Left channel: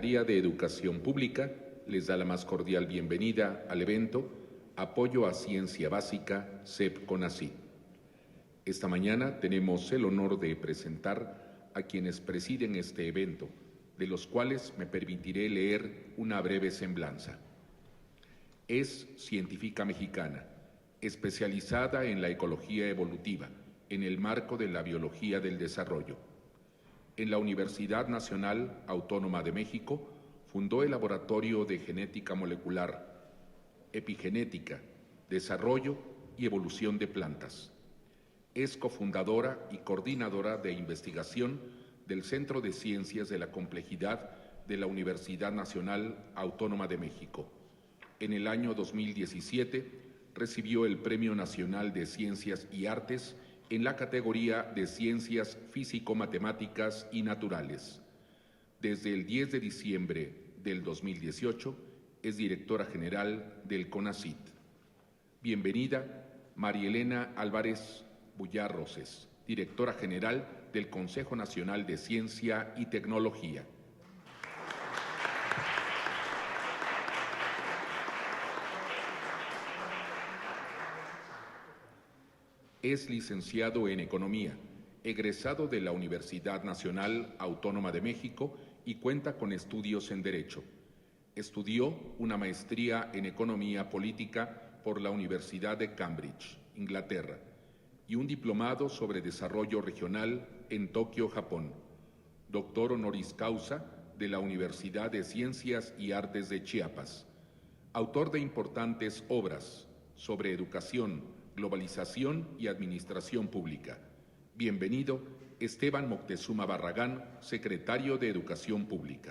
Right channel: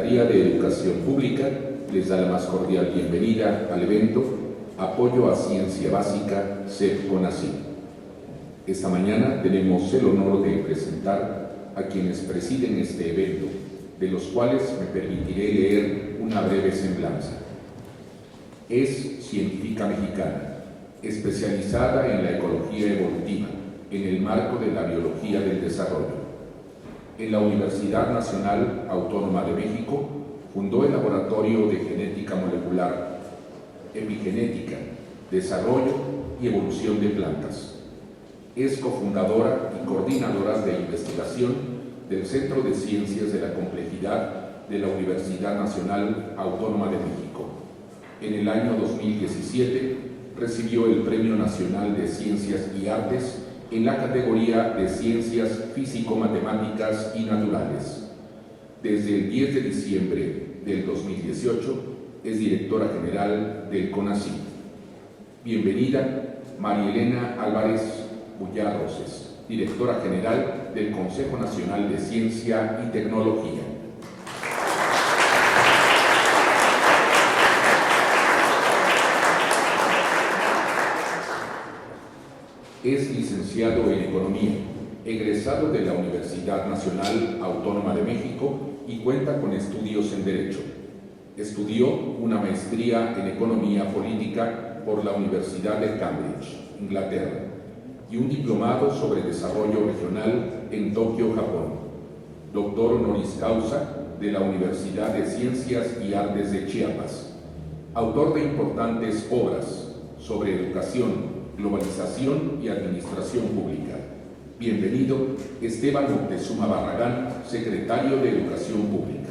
Secretaría de Educación Pública les da la más cordial bienvenida al evento Apoyo a Ciencia Básica CEP-CONACYT. Esta mañana tenemos el honor de presentar a quienes presiden este evento, de los cuales me permitiré leer una breve semblanza. Es científica mexicana, especializada en la ecología evolutiva, en el marco de la biología del desarrollo. En la Universidad Nacional Autónoma de México fundó el Laboratorio de Genética Molecular, Epigenética, Desarrollo y Evolución de Plantas. Es cofundadora y coordinadora de investigación del Centro de Ciencias de la Complejidad de la Universidad Nacional Autónoma de México. En el año 2017 recibió el Premio Nacional de Ciencias y Artes en la categoría de Ciencias Físico-Matemáticas y Naturales. Desde el 10 de diciembre del 2018 es directora general del CONACYT. Bienvenida, María Elena Álvarez Bullar Roses, directora general del Consejo Nacional de Ciencia y Tecnología. Es licenciado en Economía, egresado de la Universidad Nacional Autónoma de México y cuenta con estudios en Derecho. Estudió una maestría en Economía Política por la Universidad de Cambridge, Inglaterra, y un diplomado sobre Desarrollo Regional en Tokio, Japón. Doctor honoris causa de la Universidad de Ciencias y Artes de Chiapas. Autor de importantes obras sobre educación, globalización y administración pública. Bienvenido, Esteban Moctezuma Barragán, secretario de Educación Pública.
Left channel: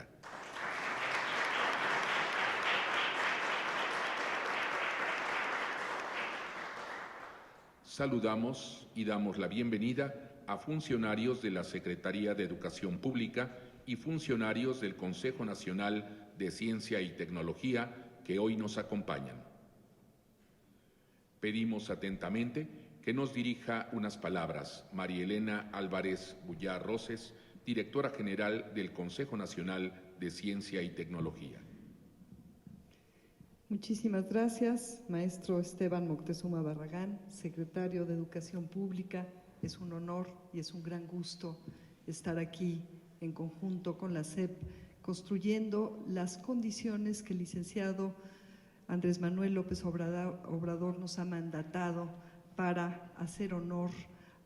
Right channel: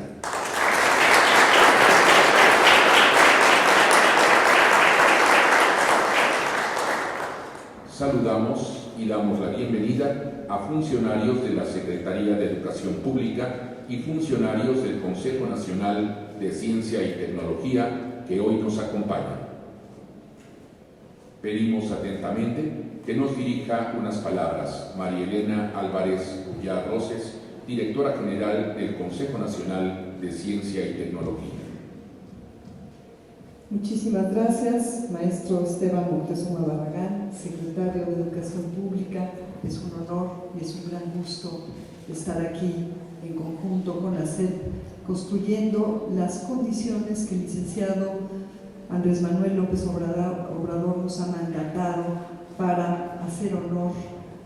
Saludamos y damos la bienvenida a funcionarios de la Secretaría de Educación Pública y funcionarios del Consejo Nacional de Ciencia y Tecnología que hoy nos acompañan. Pedimos atentamente que nos dirija unas palabras María Elena Álvarez Bullar Roses, directora general del Consejo Nacional de Ciencia y Tecnología. Muchísimas gracias, maestro Esteban Moctezuma Barragán, secretario de Educación Pública. Es un honor y es un gran gusto estar aquí en conjunto con la CEP, construyendo las condiciones que el licenciado Andrés Manuel López Obrador nos ha mandatado para hacer honor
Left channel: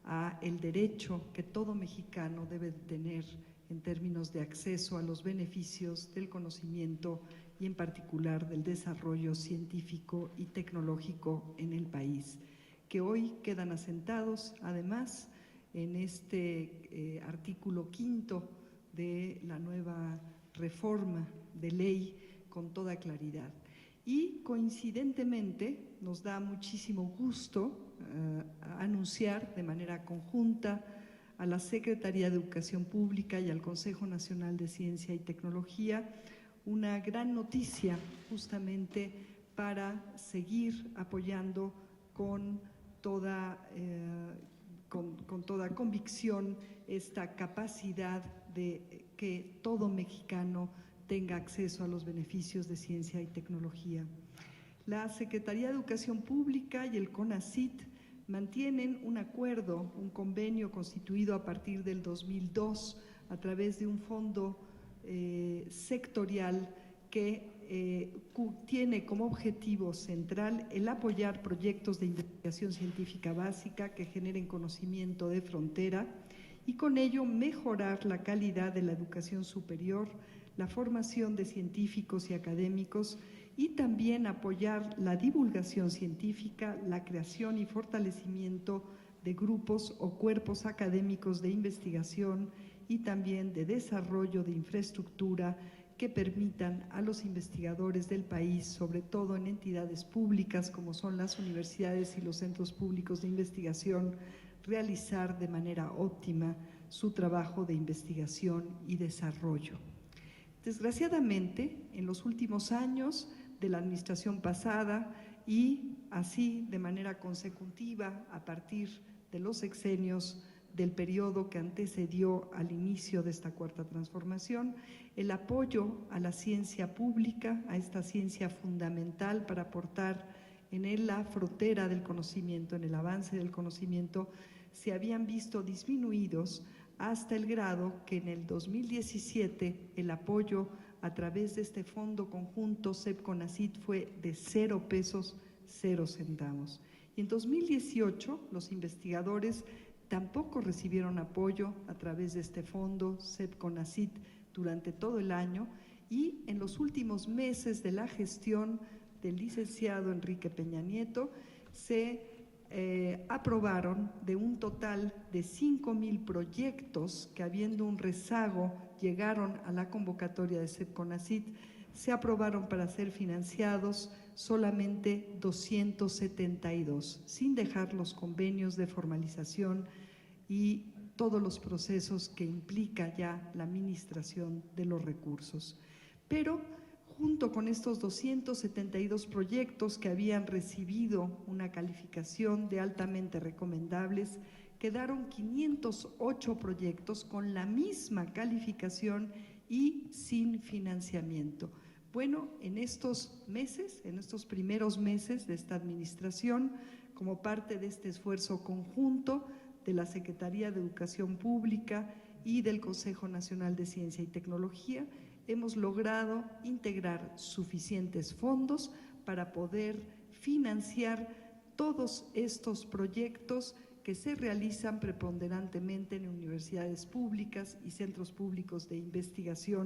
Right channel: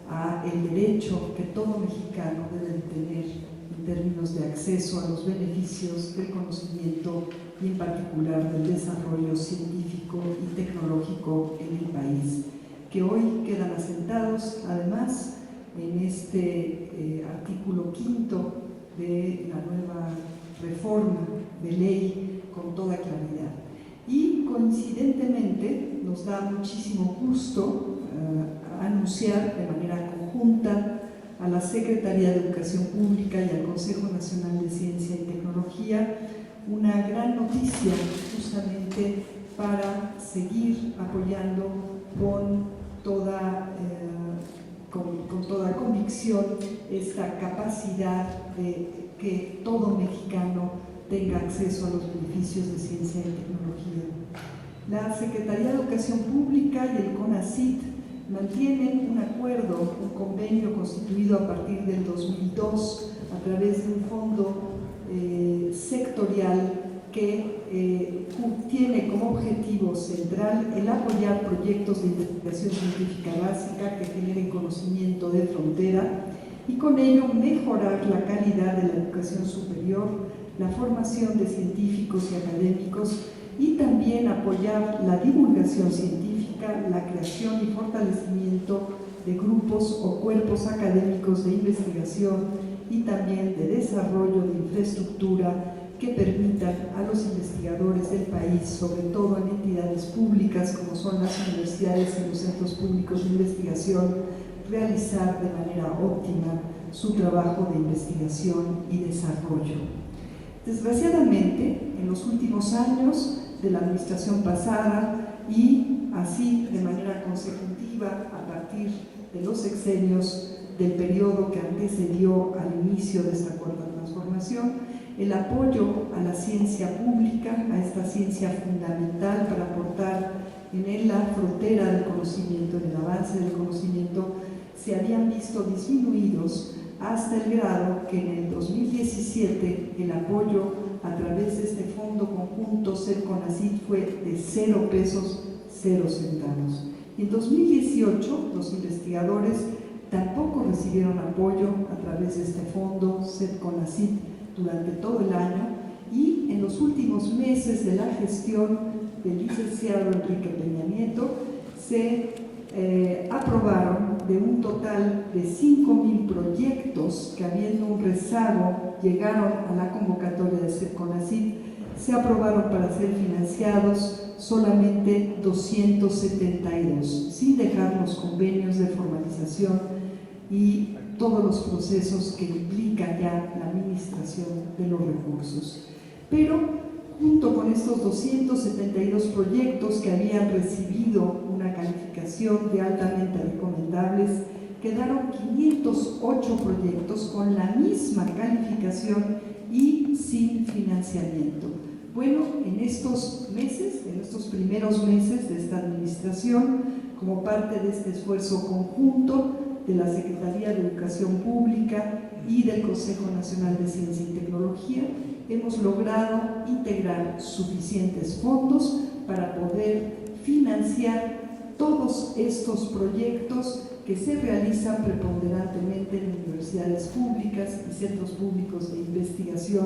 a el derecho que todo mexicano debe de tener en términos de acceso a los beneficios del conocimiento y en particular del desarrollo científico y tecnológico en el país, que hoy quedan asentados además en este artículo 5 de la nueva reforma de ley con toda claridad. Y coincidentemente nos da muchísimo gusto anunciar de manera conjunta a la Secretaría de Educación Pública y al Consejo Nacional de Ciencia y Tecnología una gran noticia justamente para seguir apoyando con toda convicción esta capacidad de que todo mexicano tenga acceso a los beneficios de ciencia y tecnología. La Secretaría de Educación Pública y el CONACYT mantienen un acuerdo, un convenio constituido a partir del 2002 a través de un fondo sectorial que tiene como objetivo central el apoyar proyectos de investigación científica básica que generen conocimiento de frontera y con ello mejorar la calidad de la educación superior, la formación de científicos y académicos y también apoyar la divulgación científica, la creación y fortalecimiento de grupos o cuerpos académicos de investigación y también de desarrollo de infraestructura que permitan a los investigadores del país, sobre todo en entidades públicas como son las universidades y los centros públicos de investigación, realizar de manera óptima su trabajo de investigación y desarrollo. Desgraciadamente, en los últimos años de la administración pasada y así de manera consecutiva a partir de los sexenios del periodo que antecedió al inicio de esta cuarta transformación, el apoyo a la ciencia pública, a esta ciencia fundamental para aportar en la frontera del conocimiento, en el avance del conocimiento, se habían visto disminuidos hasta el grado que en el 2017 el apoyo a través de este fondo conjunto CEP-CONACYT fue de 0 pesos, 0 centavos. En 2018 los investigadores tampoco recibieron apoyo a través de este fondo CEP-CONACYT durante todo el año, y en los últimos meses de la gestión del licenciado Enrique Peña Nieto se aprobaron de un total de 5,000 proyectos que, habiendo un rezago, llegaron a la convocatoria de CEP-CONACYT. Se aprobaron para ser financiados solamente 272, sin dejar los convenios de formalización y todos los procesos que implica ya la administración de los recursos. Pero junto con estos 272 proyectos que habían recibido una calificación de altamente recomendables, quedaron 508 proyectos con la misma calificación y sin financiamiento. Bueno, en estos meses, en estos primeros meses de esta administración, como parte de este esfuerzo conjunto de la Secretaría de Educación Pública y del Consejo Nacional de Ciencia y Tecnología, hemos logrado integrar suficientes fondos para poder financiar todos estos proyectos que se realizan preponderantemente en universidades públicas y centros públicos de investigación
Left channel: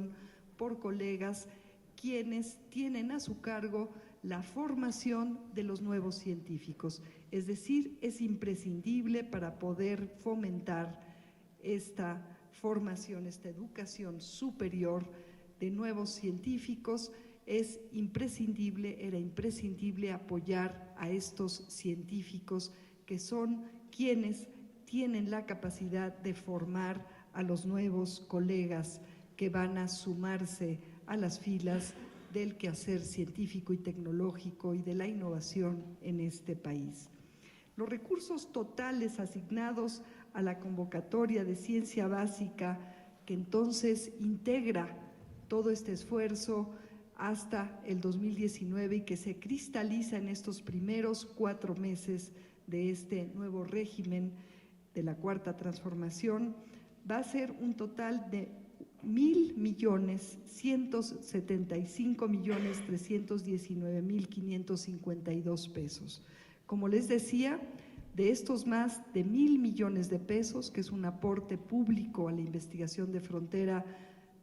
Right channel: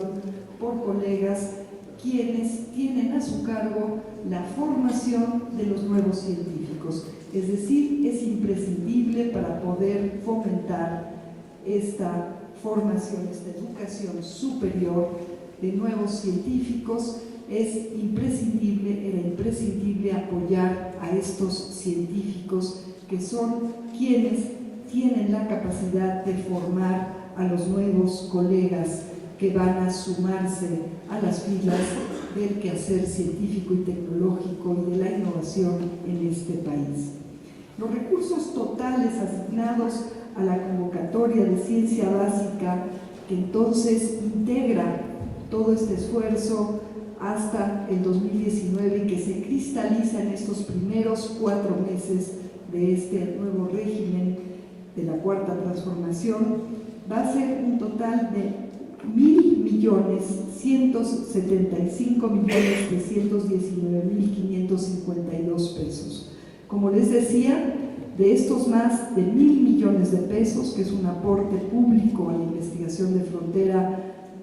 por colegas quienes tienen a su cargo la formación de los nuevos científicos. Es decir, es imprescindible para poder fomentar esta formación, esta educación superior de nuevos científicos. Era imprescindible apoyar a estos científicos que son quienes tienen la capacidad de formar a los nuevos colegas que van a sumarse a las filas del quehacer científico y tecnológico y de la innovación en este país. Los recursos totales asignados a la convocatoria de ciencia básica, que entonces integra todo este esfuerzo hasta el 2019 y que se cristaliza en estos primeros 4 meses de este nuevo régimen de la Cuarta Transformación, va a ser un total de 1.175.319.552 pesos. Como les decía, de estos más de 1.000 millones de pesos, que es un aporte público a la investigación de frontera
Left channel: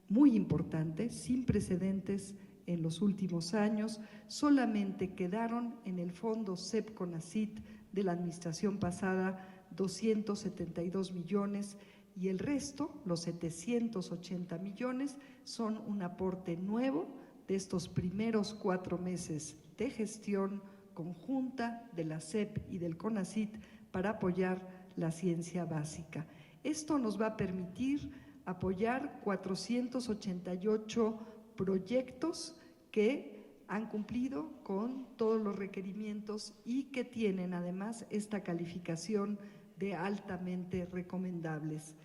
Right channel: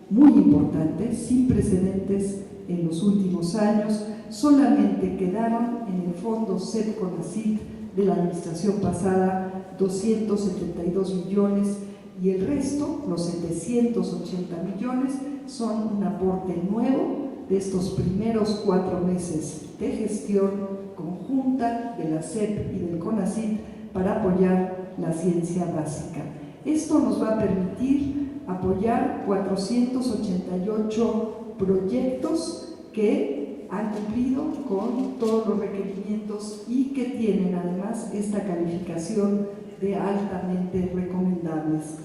muy importante, sin precedentes en los últimos años, solamente quedaron en el fondo CEP-CONACYT de la administración pasada 272 millones, y el resto, los 780 millones, son un aporte nuevo de estos primeros 4 meses de gestión conjunta de la CEP y del CONACYT para apoyar la ciencia básica. Esto nos va a permitir apoyar 488 proyectos que han cumplido con todos los requerimientos y que tienen además esta calificación de altamente recomendables.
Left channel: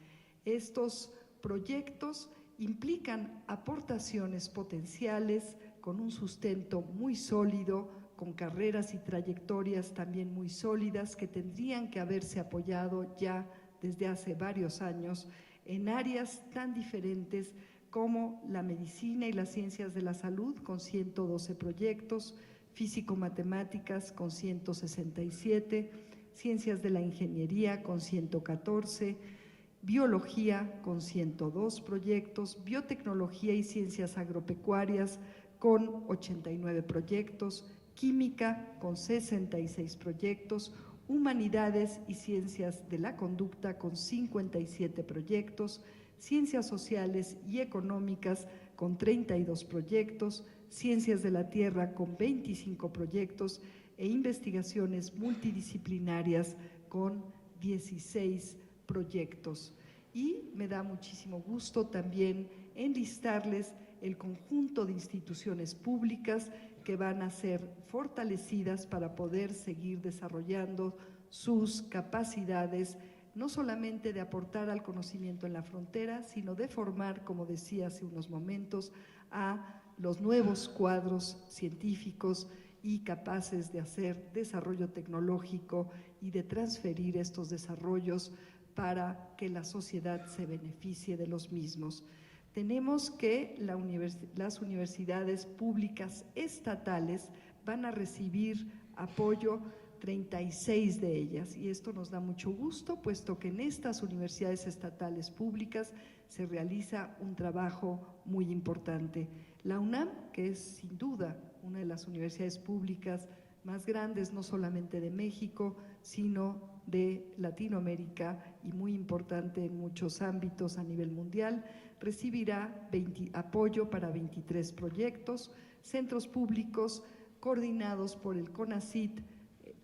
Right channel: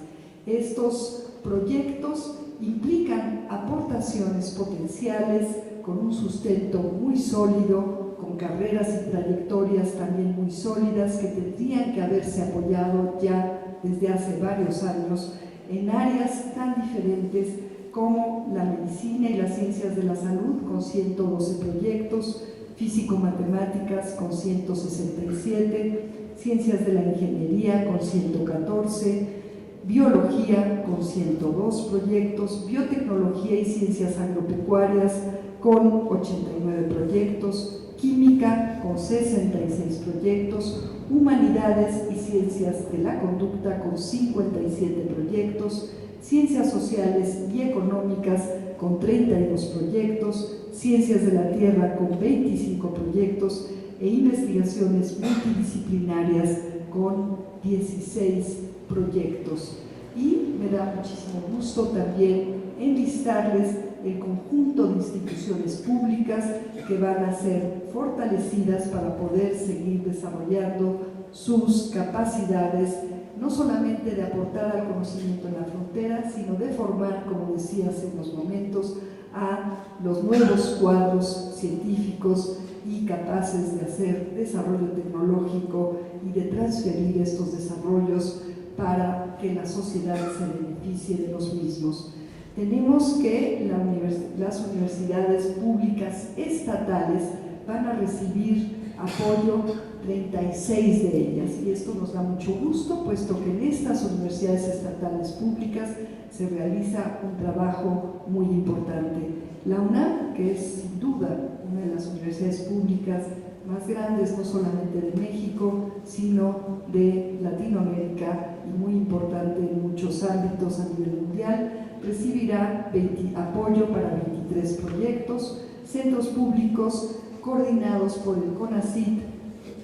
Estos proyectos implican aportaciones potenciales con un sustento muy sólido, con carreras y trayectorias también muy sólidas que tendrían que haberse apoyado ya desde hace varios años en áreas tan diferentes como la medicina y las ciencias de la salud, con 112 proyectos, físico-matemáticas con 167, ciencias de la ingeniería con 114, biología con 102 proyectos, biotecnología y ciencias agropecuarias con 89 proyectos, química con 66 proyectos, humanidades y ciencias de la conducta con 57 proyectos, ciencias sociales y económicas con 32 proyectos, ciencias de la tierra con 25 proyectos e investigaciones multidisciplinarias con 16 proyectos. Y me da muchísimo gusto también enlistarles el conjunto de instituciones públicas que van a ser fortalecidas para poder seguir desarrollando sus capacidades no solamente de aportar al conocimiento en la frontera, sino de formar, como decía hace unos momentos, a los nuevos cuadros científicos y capaces de hacer desarrollo tecnológico y de transferir estos desarrollos para que la sociedad se beneficie de los mismos. Tenemos que las universidades públicas estatales van a recibir apoyo, 36 de ellas, y esto nos da mucho gusto, puesto que en estas universidades estatales públicas se realiza un trabajo muy importante. La UNAM, que es sin duda una de las universidades públicas más grandes, no solamente de México, sino de Latinoamérica y muy importante en muchos ámbitos a nivel mundial, recibirá apoyo para 23 proyectos, centros públicos coordinados por el CONACYT,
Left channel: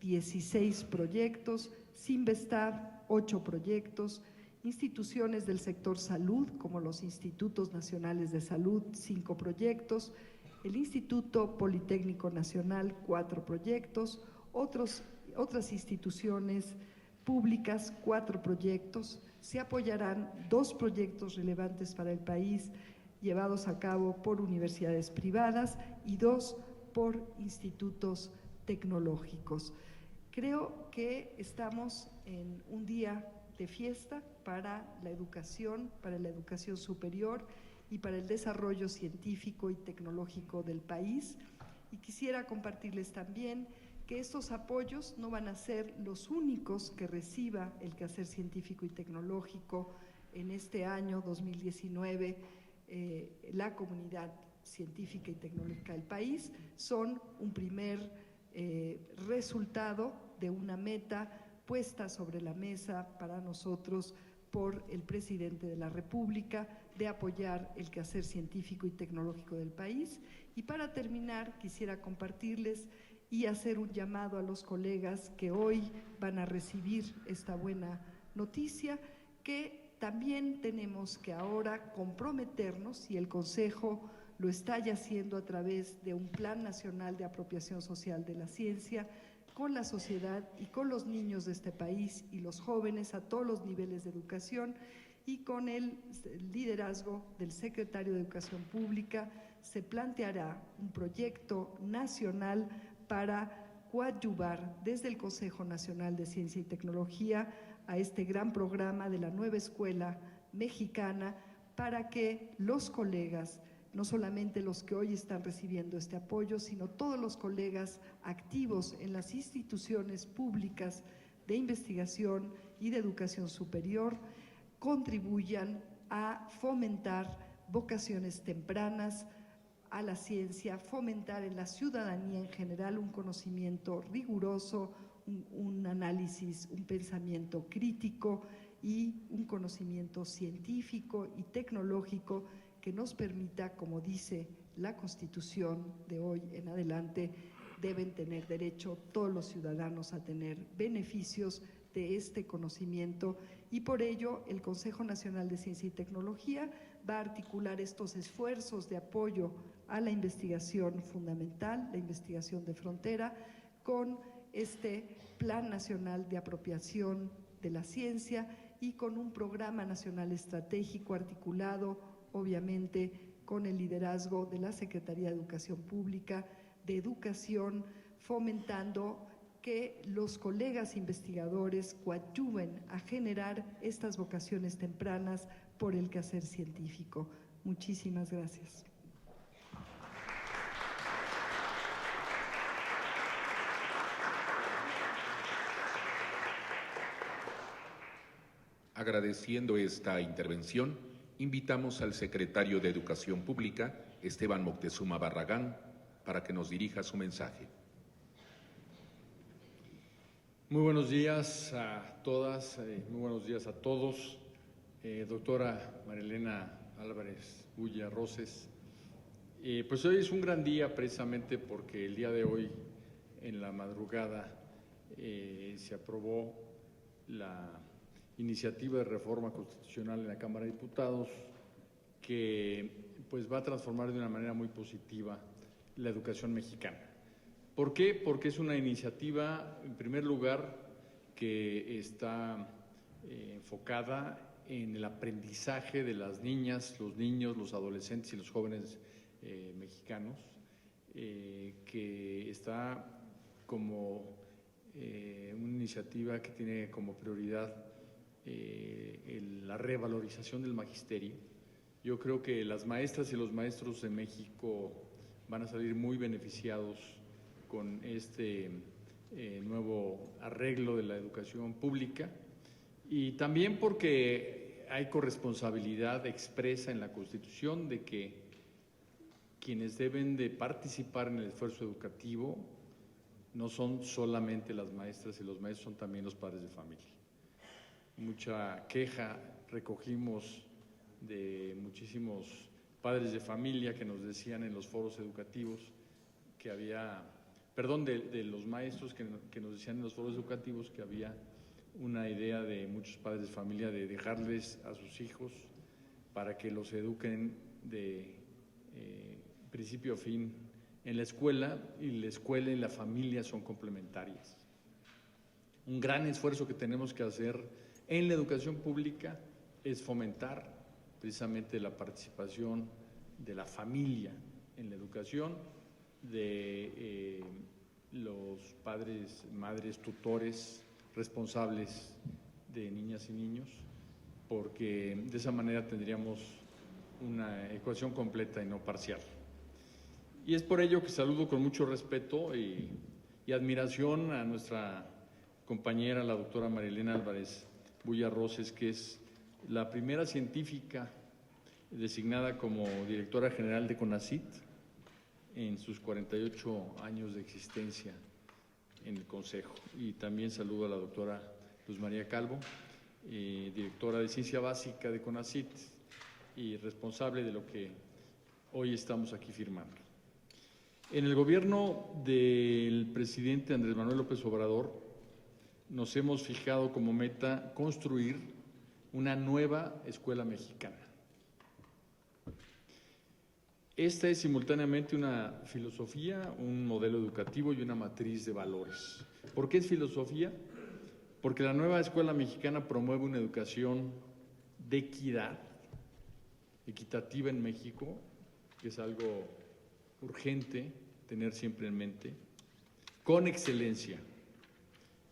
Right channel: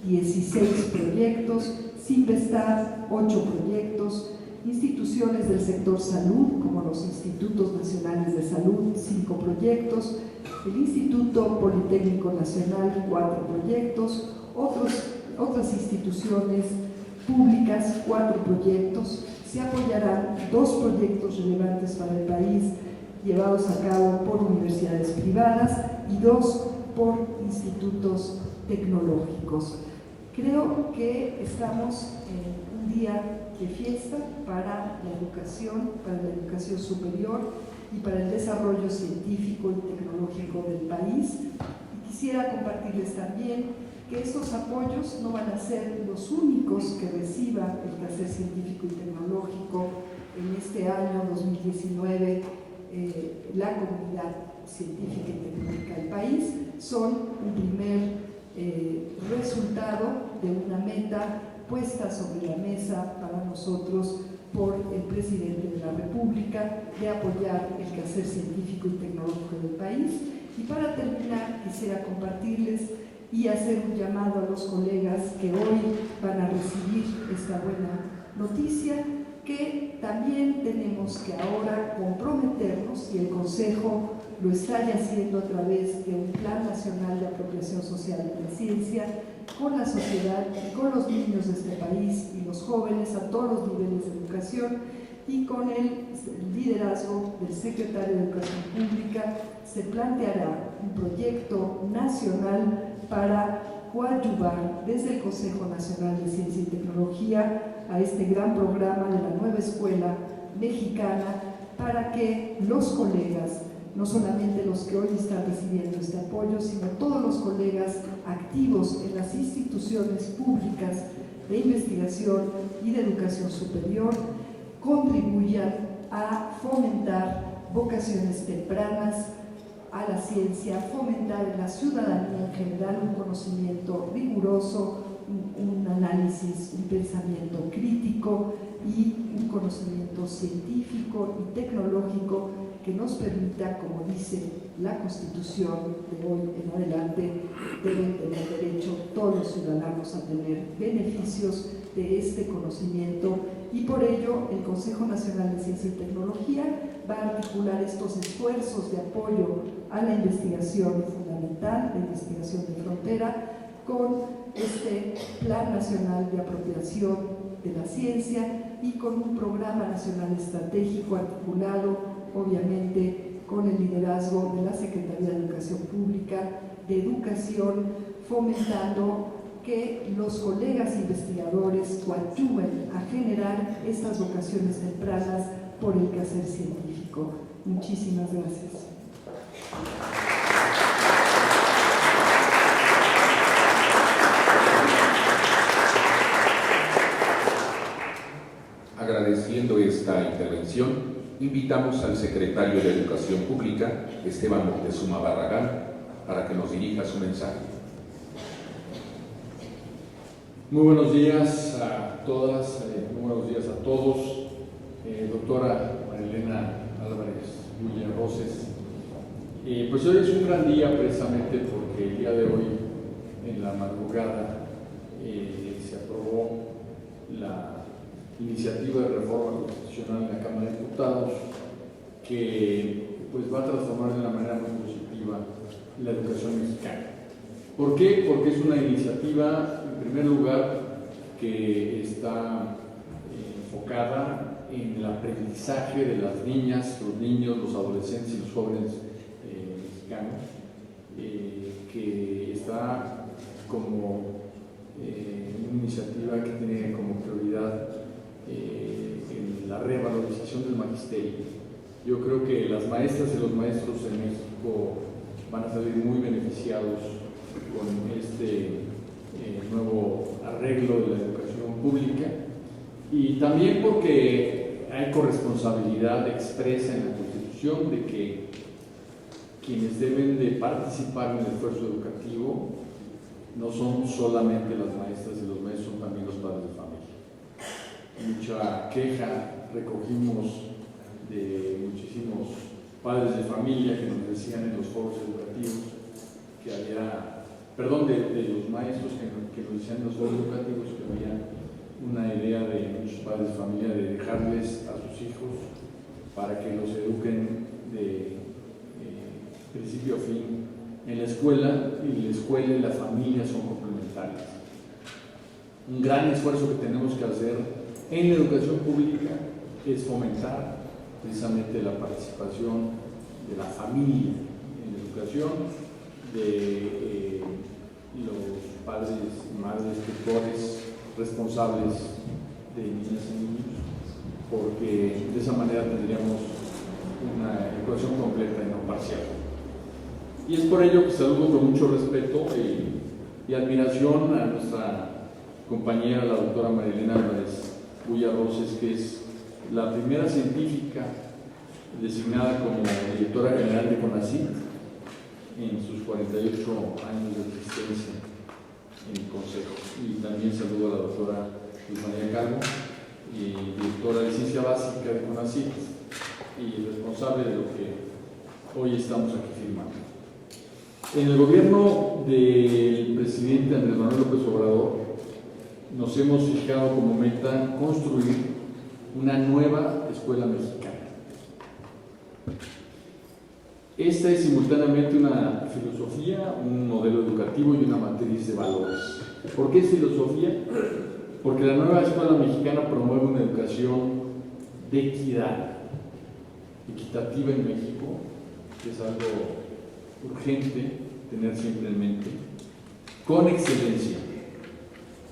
16 proyectos, Cinvestav, 8 proyectos, instituciones del sector salud, como los Institutos Nacionales de Salud, 5 proyectos, el Instituto Politécnico Nacional, 4 proyectos, otras instituciones públicas, 4 proyectos. Se apoyarán 2 proyectos relevantes para el país llevados a cabo por universidades privadas y 2 por institutos tecnológicos. Creo que estamos en un día de fiesta para la educación superior y para el desarrollo científico y tecnológico del país. Y quisiera compartirles también que estos apoyos no van a ser los únicos que reciba el quehacer científico y tecnológico en este año 2019, la comunidad científica y tecnológica del país. Son un primer resultado de una meta puesta sobre la mesa para nosotros por el presidente de la República de apoyar el quehacer científico y tecnológico del país. Y para terminar, quisiera compartirles y hacer un llamado a los colegas que hoy van a recibir esta buena noticia, que también tenemos que ahora comprometernos, y el Consejo lo está ya haciendo a través de un Plan Nacional de Apropiación Social de la Ciencia, con la sociedad y con los niños de este país y los jóvenes a todos los niveles de educación, y con el liderazgo del secretario de Educación Pública se planteará un proyecto nacional para coadyuvar desde el Consejo Nacional de Ciencia y Tecnología a este gran programa de la nueva escuela mexicana, para que los colegas, no solamente los que hoy están recibiendo este apoyo, sino todos los colegas activos en las instituciones públicas de investigación y de educación superior, contribuyan a fomentar vocaciones tempranas a la ciencia, fomentar en la ciudadanía en general un conocimiento riguroso, un análisis, un pensamiento crítico y un conocimiento científico y tecnológico que nos permita, como dice la Constitución de hoy en adelante, deben tener derecho todos los ciudadanos a tener beneficios de este conocimiento, y por ello el Consejo Nacional de Ciencia y Tecnología va a articular estos esfuerzos de apoyo a la investigación fundamental, la investigación de frontera, con este Plan Nacional de Apropiación de la Ciencia y con un programa nacional estratégico articulado, obviamente, con el liderazgo de la Secretaría de Educación Pública, de Educación, fomentando que los colegas investigadores coadyuven a generar estas vocaciones tempranas por el quehacer científico. Muchísimas gracias. Agradeciendo esta intervención, invitamos al secretario de Educación Pública, Esteban Moctezuma Barragán, para que nos dirija su mensaje. Muy buenos días a todas, muy buenos días a todos. Doctora Marilena Álvarez Villarroses, pues hoy es un gran día precisamente porque el día de hoy, en la madrugada, se aprobó la iniciativa de reforma constitucional en la Cámara de Diputados, que pues va a transformar de una manera muy positiva la educación mexicana. ¿Por qué? Porque es una iniciativa, en primer lugar, que está enfocada en el aprendizaje de las niñas, los niños, los adolescentes y los jóvenes mexicanos, que está como una iniciativa que tiene como prioridad en la revalorización del magisterio. Yo creo que las maestras y los maestros en México van a salir muy beneficiados con este nuevo arreglo de la educación pública, y también porque hay corresponsabilidad expresa en la Constitución de que quienes deben de participar en el esfuerzo educativo no son solamente las maestras y los maestros, son también los padres de familia. Mucha queja recogimos de muchísimos padres de familia que nos decían en los foros educativos que había, perdón, de los maestros que nos decían en los foros educativos que había una idea de muchos padres de familia de dejarles a sus hijos para que los eduquen de principio a fin en la escuela, y la escuela y la familia son complementarias. Un gran esfuerzo que tenemos que hacer en la educación pública es fomentar precisamente la participación de la familia en la educación, de los padres y madres tutores responsables de niñas y niños, porque de esa manera tendríamos una educación completa y no parcial. Y es por ello que saludo con mucho respeto y admiración a nuestra compañera, la doctora Marilena Álvarez Bulla Roses, que es la primera científica designada como directora general de CONACYT en sus 48 años de existencia en el Consejo. Y también saludo a la doctora Luz María Calvo, directora de Ciencia Básica de CONACYT y responsable de lo que hoy estamos aquí firmando. En el gobierno del presidente Andrés Manuel López Obrador nos hemos fijado como meta construir una nueva escuela mexicana. Esta es simultáneamente una filosofía, un modelo educativo y una matriz de valores. ¿Por qué es filosofía? Porque la nueva escuela mexicana promueve una educación de equidad, equitativa en México, que es algo urgente tener siempre en mente, con excelencia,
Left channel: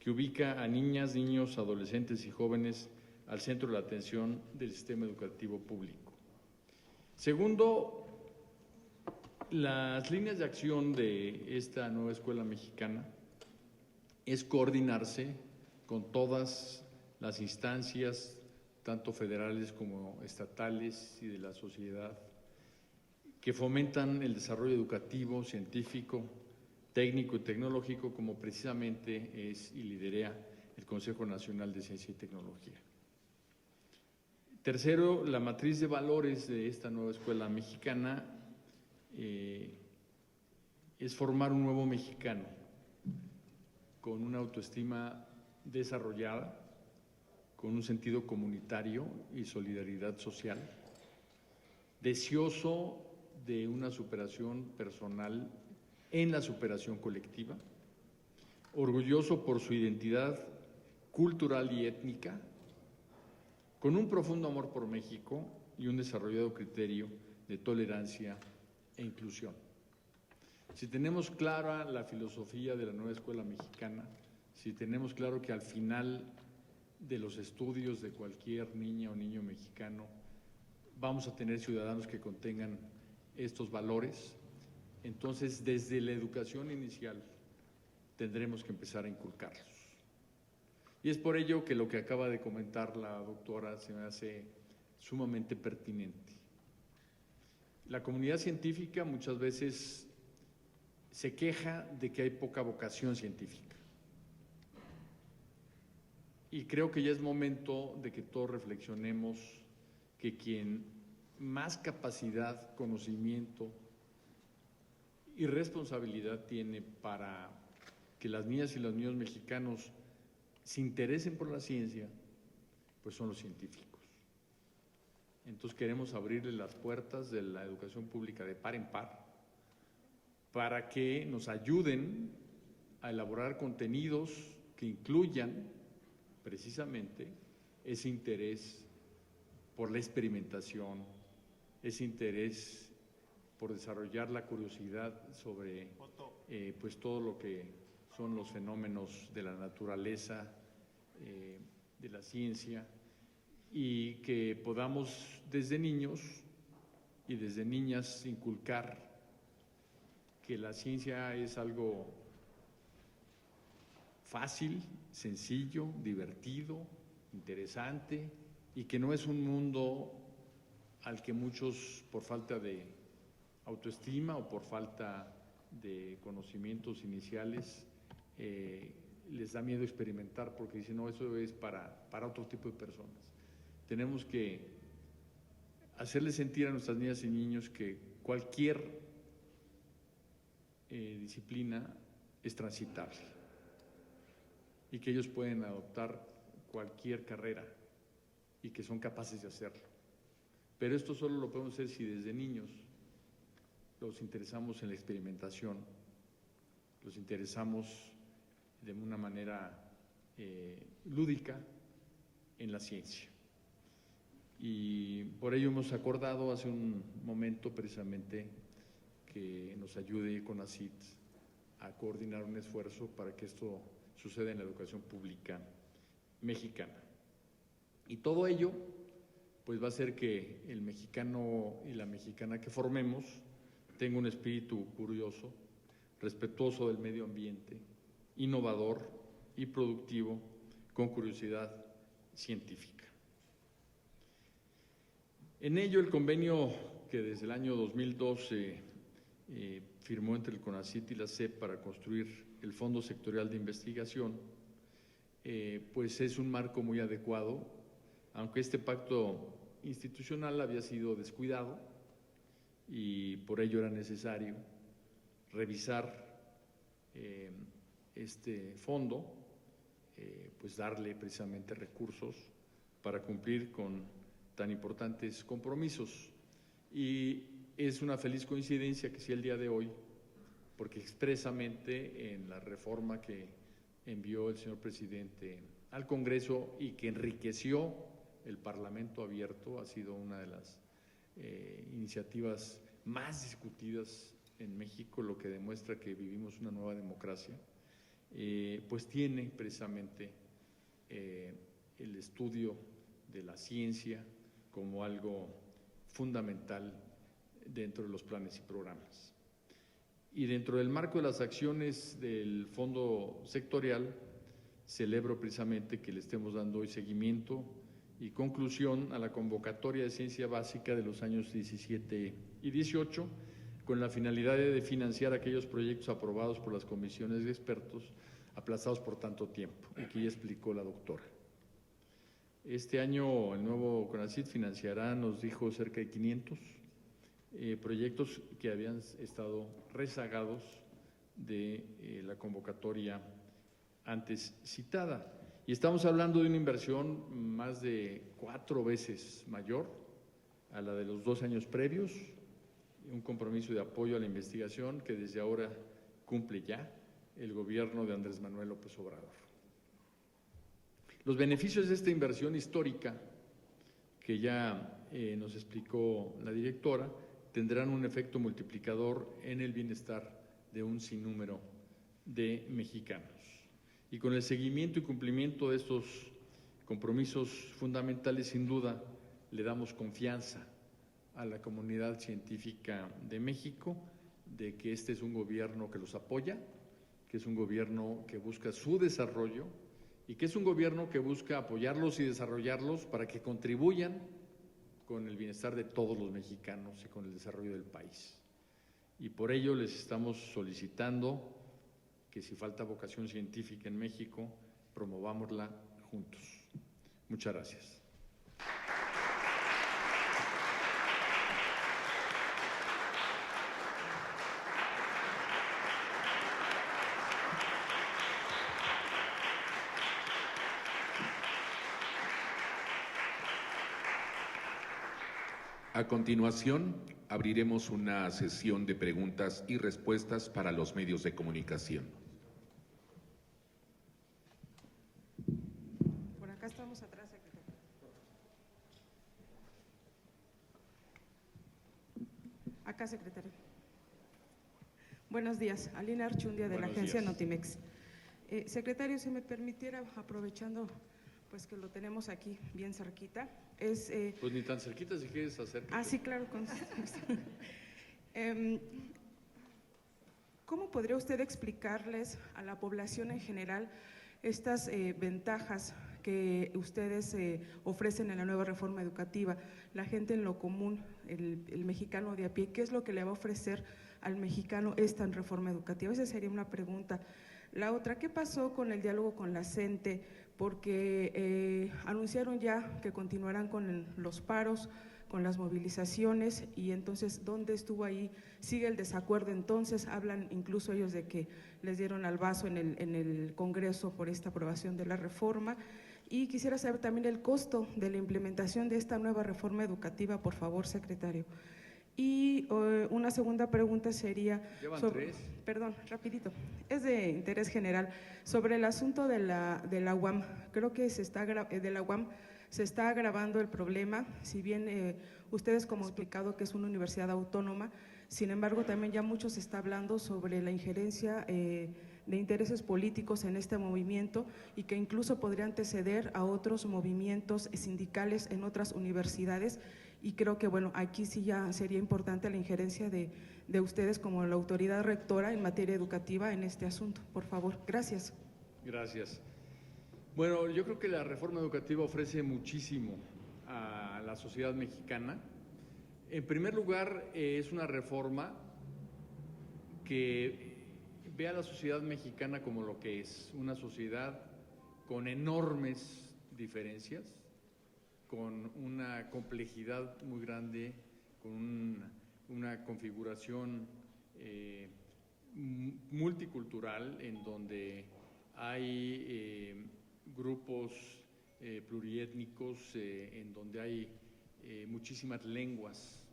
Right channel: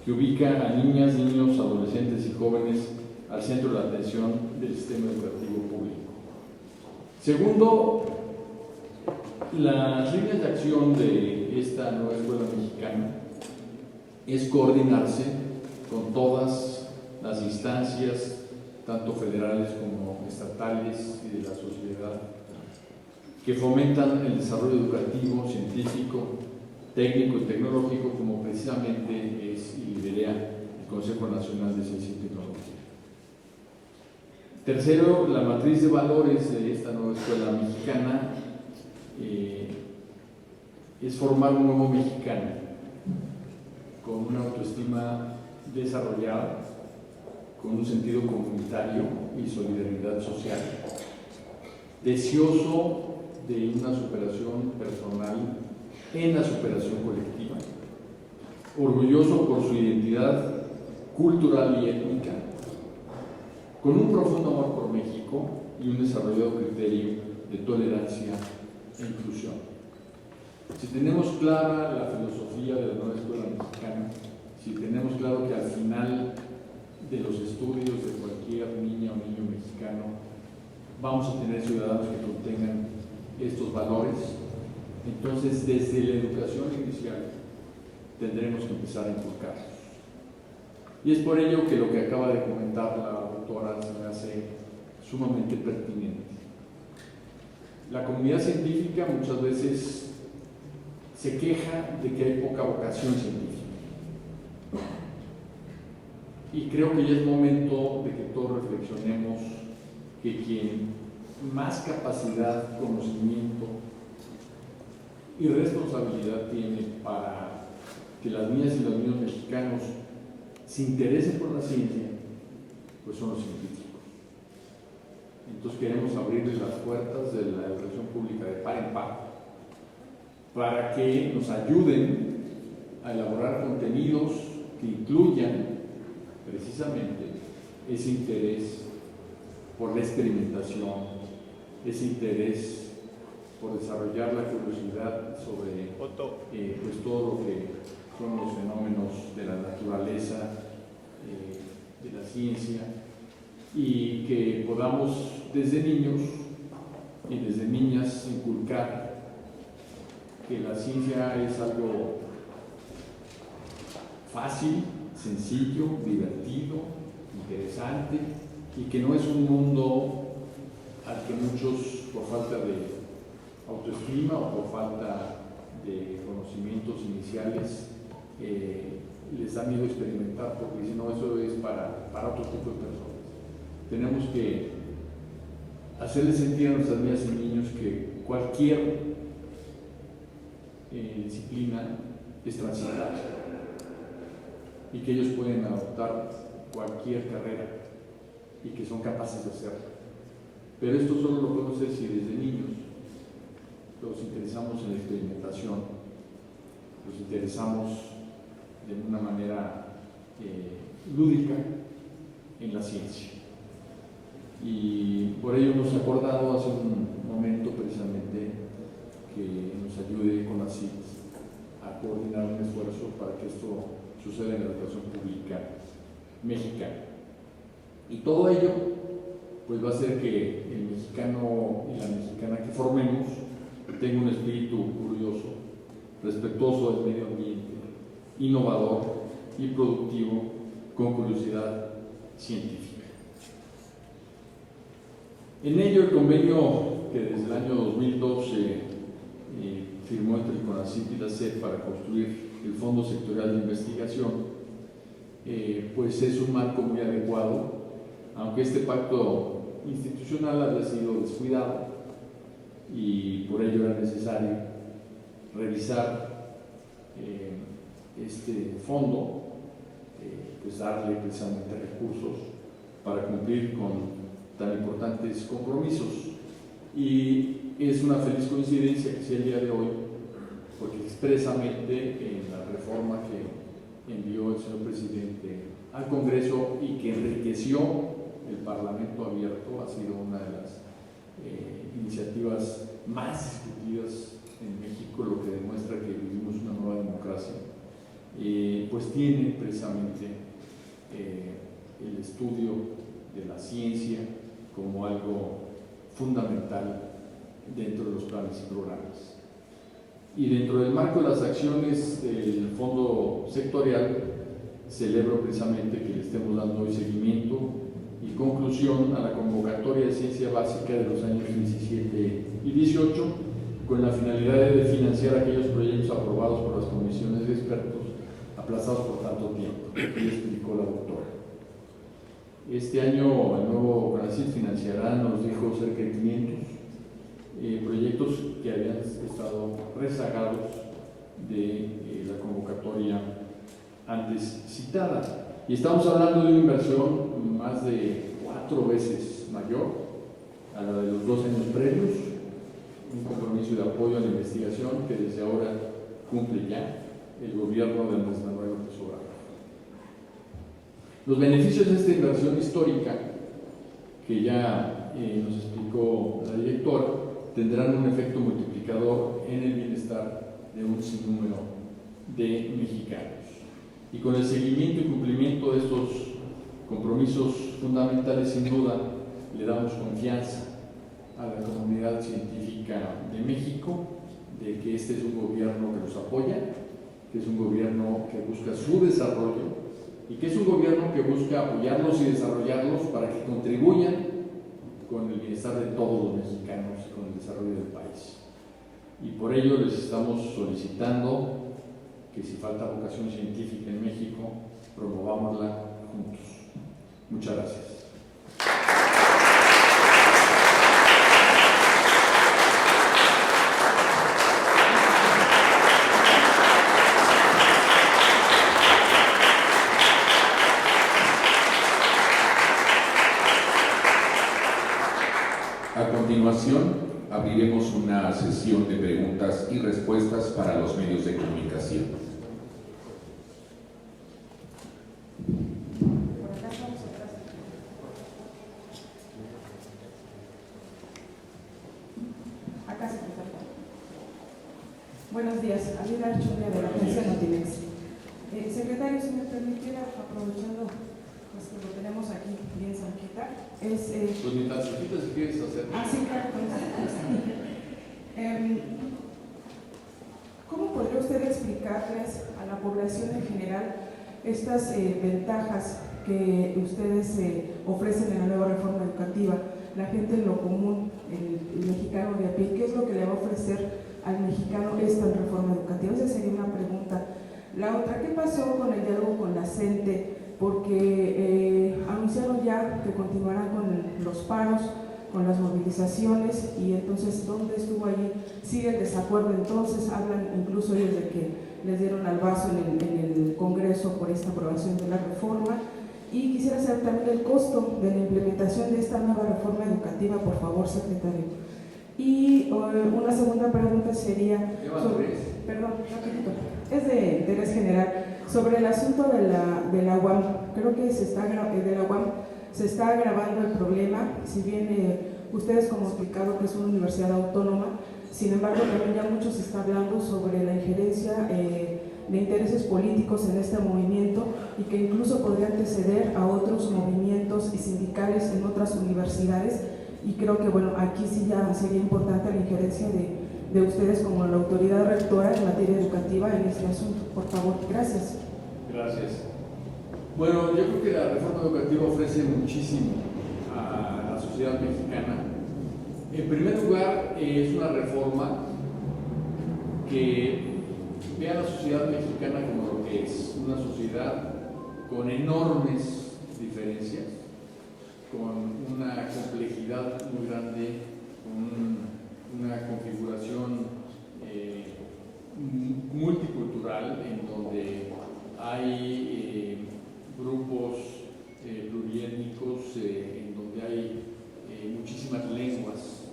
que ubica a niñas, niños, adolescentes y jóvenes al centro de la atención del sistema educativo público. Segundo, las líneas de acción de esta nueva escuela mexicana es coordinarse con todas las instancias, tanto federales como estatales y de la sociedad, que fomentan el desarrollo educativo, científico, técnico y tecnológico, como precisamente es y lidera el Consejo Nacional de Ciencia y Tecnología. Tercero, la matriz de valores de esta nueva escuela mexicana es formar un nuevo mexicano con una autoestima desarrollada, con un sentido comunitario y solidaridad social, deseoso de una superación personal en la superación colectiva, orgulloso por su identidad cultural y étnica, con un profundo amor por México y un desarrollado criterio de tolerancia e inclusión. Si tenemos clara la filosofía de la nueva escuela mexicana, si tenemos claro que al final de los estudios de cualquier niña o niño mexicano vamos a tener ciudadanos que contengan estos valores, entonces desde la educación inicial tendremos que empezar a inculcarlos. Y es por ello que lo que acaba de comentar la doctora se me hace sumamente pertinente. La comunidad científica muchas veces se queja de que hay poca vocación científica. Y creo que ya es momento de que todos reflexionemos que quien más capacidad, conocimiento y responsabilidad tiene para que las niñas y los niños mexicanos se interesen por la ciencia, pues son los científicos. Entonces queremos abrirles las puertas de la educación pública de par en par para que nos ayuden a elaborar contenidos que incluyan precisamente ese interés por la experimentación, ese interés por desarrollar la curiosidad sobre pues todo lo que son los fenómenos de la naturaleza, de la ciencia, y que podamos desde niños y desde niñas inculcar que la ciencia es algo fácil, sencillo, divertido, interesante, y que no es un mundo al que muchos, por falta de autoestima o por falta de conocimientos iniciales, les da miedo experimentar, porque dicen, no, eso es para otro tipo de personas. Tenemos que hacerles sentir a nuestras niñas y niños que cualquier disciplina es transitable y que ellos pueden adoptar cualquier carrera y que son capaces de hacerlo. Pero esto solo lo podemos hacer si desde niños nos interesamos en la experimentación, nos interesamos de una manera lúdica en la ciencia. Y por ello hemos acordado hace un momento precisamente que nos ayude con la CIT a coordinar un esfuerzo para que esto suceda en la educación pública mexicana. Y todo ello pues va a hacer que el mexicano y la mexicana que formemos tenga un espíritu curioso, respetuoso del medio ambiente, innovador y productivo, con curiosidad científica. En ello, el convenio que desde el año 2012 firmó entre el CONACYT y la SEP para construir el Fondo Sectorial de Investigación, pues es un marco muy adecuado, aunque este pacto institucional había sido descuidado y por ello era necesario revisar este fondo, pues darle precisamente recursos para cumplir con tan importantes compromisos. Y es una feliz coincidencia que sea el día de hoy, porque expresamente en la reforma que envió el señor presidente al Congreso y que enriqueció el Parlamento abierto, ha sido una de las iniciativas más discutidas en México, lo que demuestra que vivimos una nueva democracia, pues tiene precisamente el estudio de la ciencia como algo fundamental dentro de los planes y programas. Y dentro del marco de las acciones del Fondo Sectorial, celebro precisamente que le estemos dando hoy seguimiento y conclusión a la convocatoria de ciencia básica de los años 17 y 18, con la finalidad de financiar aquellos proyectos aprobados por las comisiones de expertos aplazados por tanto tiempo, y explicó la doctora. Este año el nuevo CONACYT financiará, nos dijo, cerca de 500 proyectos que habían estado rezagados de la convocatoria antes citada. Y estamos hablando de una inversión más de 4 veces mayor a la de los 2 años previos, un compromiso de apoyo a la investigación que desde ahora cumple ya el gobierno de Andrés Manuel López Obrador. Los beneficios de esta inversión histórica, que ya nos explicó la directora, tendrán un efecto multiplicador en el bienestar de un sinnúmero de mexicanos. Y con el seguimiento y cumplimiento de estos compromisos fundamentales, sin duda, le damos confianza a la comunidad científica de México de que este es un gobierno que los apoya, que es un gobierno que busca su desarrollo y que es un gobierno que busca apoyarlos y desarrollarlos para que contribuyan con el bienestar de todos los mexicanos y con el desarrollo del país. Y por ello les estamos solicitando que si falta vocación científica en México, promovámosla juntos. Muchas gracias. A continuación, abriremos una sesión de preguntas y respuestas para los medios de comunicación. Por acá estamos atrás. Buenos días, Alida Archundia de la agencia Notimex. Secretario, si me permitiera, aprovechando pues que lo tenemos aquí bien cerquita, Pues ni tan cerquita si quieres hacer. sí, claro. ¿Cómo podría usted explicarles a la población en general estas ventajas que ustedes ofrecen en la nueva reforma educativa? La gente en lo común, el mexicano de a pie, ¿qué es lo que le va a ofrecer al mexicano esta reforma educativa? Esa sería una pregunta. La otra, ¿qué pasó con el diálogo con la CENTE? Porque anunciaron ya que continuarán con los paros, con las movilizaciones, y entonces, ¿dónde estuvo ahí? ¿Sigue el desacuerdo? Entonces hablan incluso ellos de que les dieron al vaso en el Congreso por esta aprobación de la reforma. Y quisiera saber también el costo de la implementación de esta nueva reforma educativa, por favor, secretario. Y una segunda pregunta sería, perdón, rapidito, es de interés general, sobre el asunto de la UAM. Creo que de la UAM se está agravando el problema, si bien ustedes como explicado que es una universidad autónoma, sin embargo también ya mucho se está hablando sobre la injerencia de intereses políticos en este movimiento, y que incluso podría anteceder a otros movimientos sindicales en otras universidades. Y creo que, bueno, aquí sí ya sería importante la injerencia de ustedes como la autoridad rectora en materia educativa en este asunto. Por favor, gracias. Gracias. Bueno, yo creo que la reforma educativa ofrece muchísimo a la sociedad mexicana. En primer lugar, es una reforma que ve a la sociedad mexicana como lo que es, una sociedad con enormes diferencias, con una complejidad muy grande, con una configuración multicultural, en donde hay grupos pluriétnicos, en donde hay muchísimas lenguas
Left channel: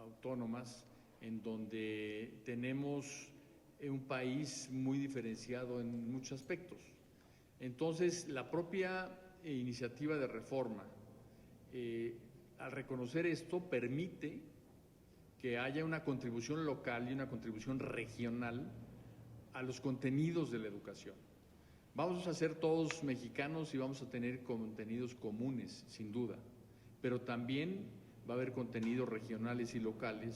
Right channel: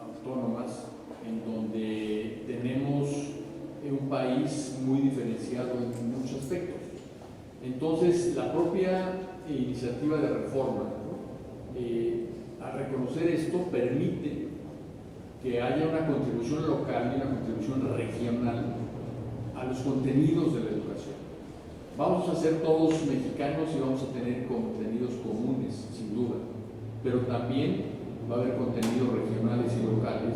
autónomas, en donde tenemos un país muy diferenciado en muchos aspectos. Entonces, la propia iniciativa de reforma, ¿no? Al reconocer esto, permite que haya una contribución local y una contribución regional a los contenidos de la educación. Vamos a ser todos mexicanos y vamos a tener contenidos comunes, sin duda, pero también va a haber contenidos regionales y locales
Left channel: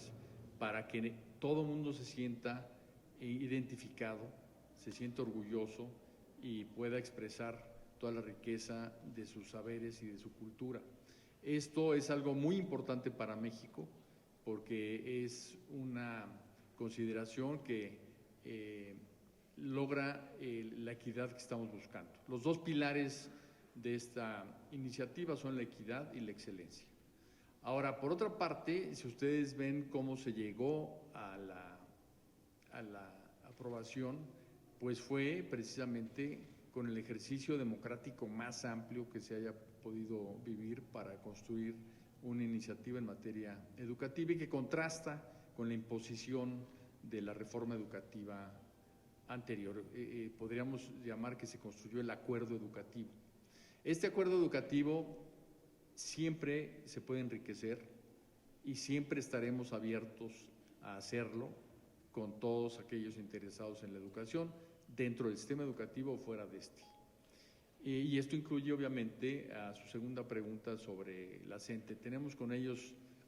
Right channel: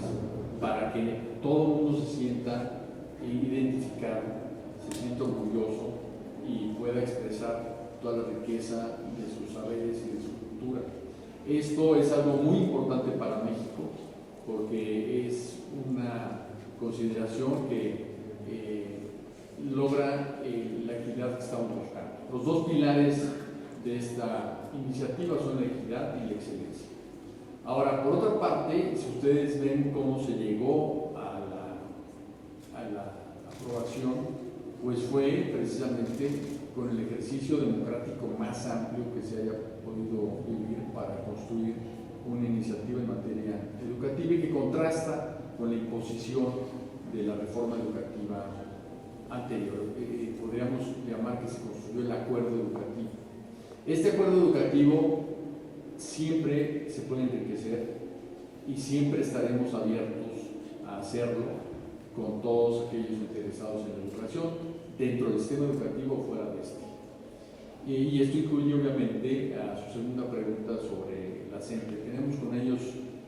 para que todo el mundo se sienta identificado, se sienta orgulloso y pueda expresar toda la riqueza de sus saberes y de su cultura. Esto es algo muy importante para México, porque es una consideración que logra la equidad que estamos buscando. Los dos pilares de esta iniciativa son la equidad y la excelencia. Ahora, por otra parte, si ustedes ven cómo se llegó a la aprobación, pues fue precisamente con el ejercicio democrático más amplio que se haya podido vivir para construir una iniciativa en materia educativa, y que contrasta con la imposición de la reforma educativa anterior. Podríamos llamar que se construyó el acuerdo educativo. Este acuerdo educativo siempre se puede enriquecer y siempre estaremos abiertos a hacerlo con todos aquellos interesados en la educación, dentro del sistema educativo o fuera de este. Y esto incluye obviamente a su segunda pregunta sobre la CENTE. Tenemos con ellos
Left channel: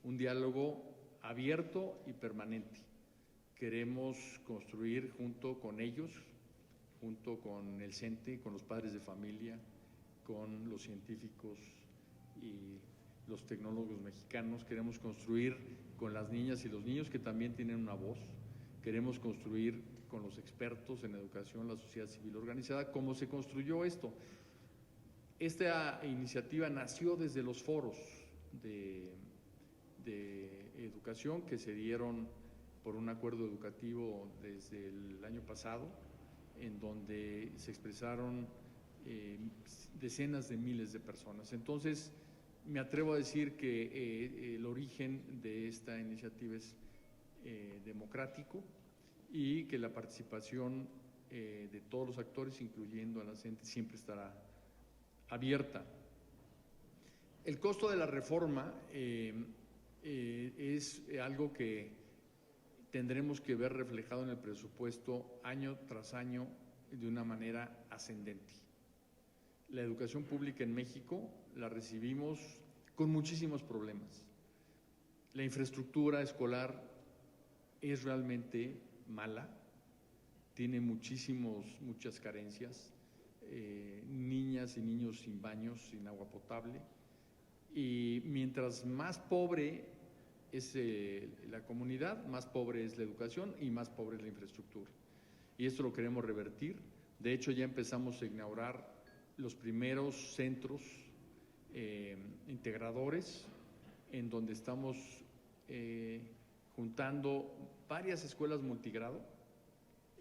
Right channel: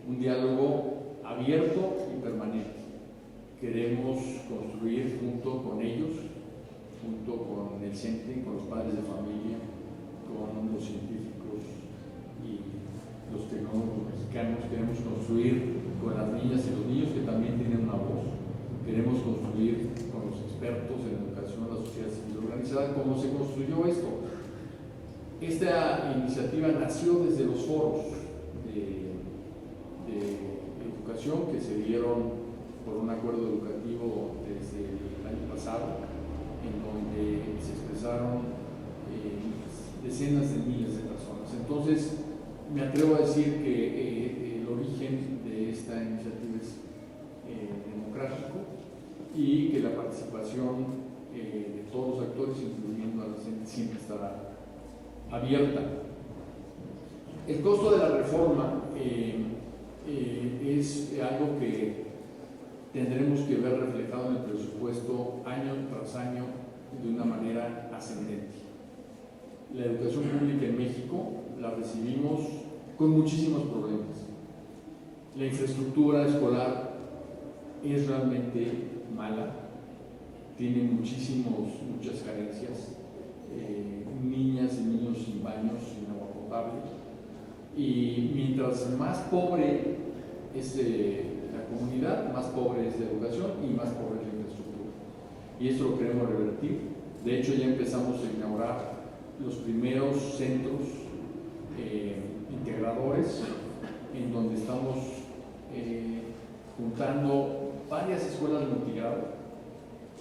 un diálogo abierto y permanente. Queremos construir junto con ellos, junto con el CENTE, con los padres de familia, con los científicos y los tecnólogos mexicanos. Queremos construir con las niñas y los niños que también tienen una voz. Queremos construir con los expertos en educación, la sociedad civil organizada, cómo se construyó esto. Esta iniciativa nació desde los foros de educación que se dieron por un acuerdo educativo desde el año pasado, en donde se expresaron decenas de miles de personas. Entonces, me atrevo a decir que el origen de esta iniciativa es democrático, y que la participación de todos los actores, incluyendo a la gente, siempre estará abierta. El costo de la reforma es algo que tras año de una manera ascendente. La educación pública en México la recibimos con muchísimos problemas. La infraestructura escolar es realmente mala, tiene muchas carencias, niñas y niños sin baños, sin agua potable, y mientras más pobre es la comunidad, más pobre es la educación y más pobre es la infraestructura. Y esto lo queremos revertir. De hecho, ya empezamos a inaugurar los primeros centros integradores, en donde estamos juntando varias escuelas multigrado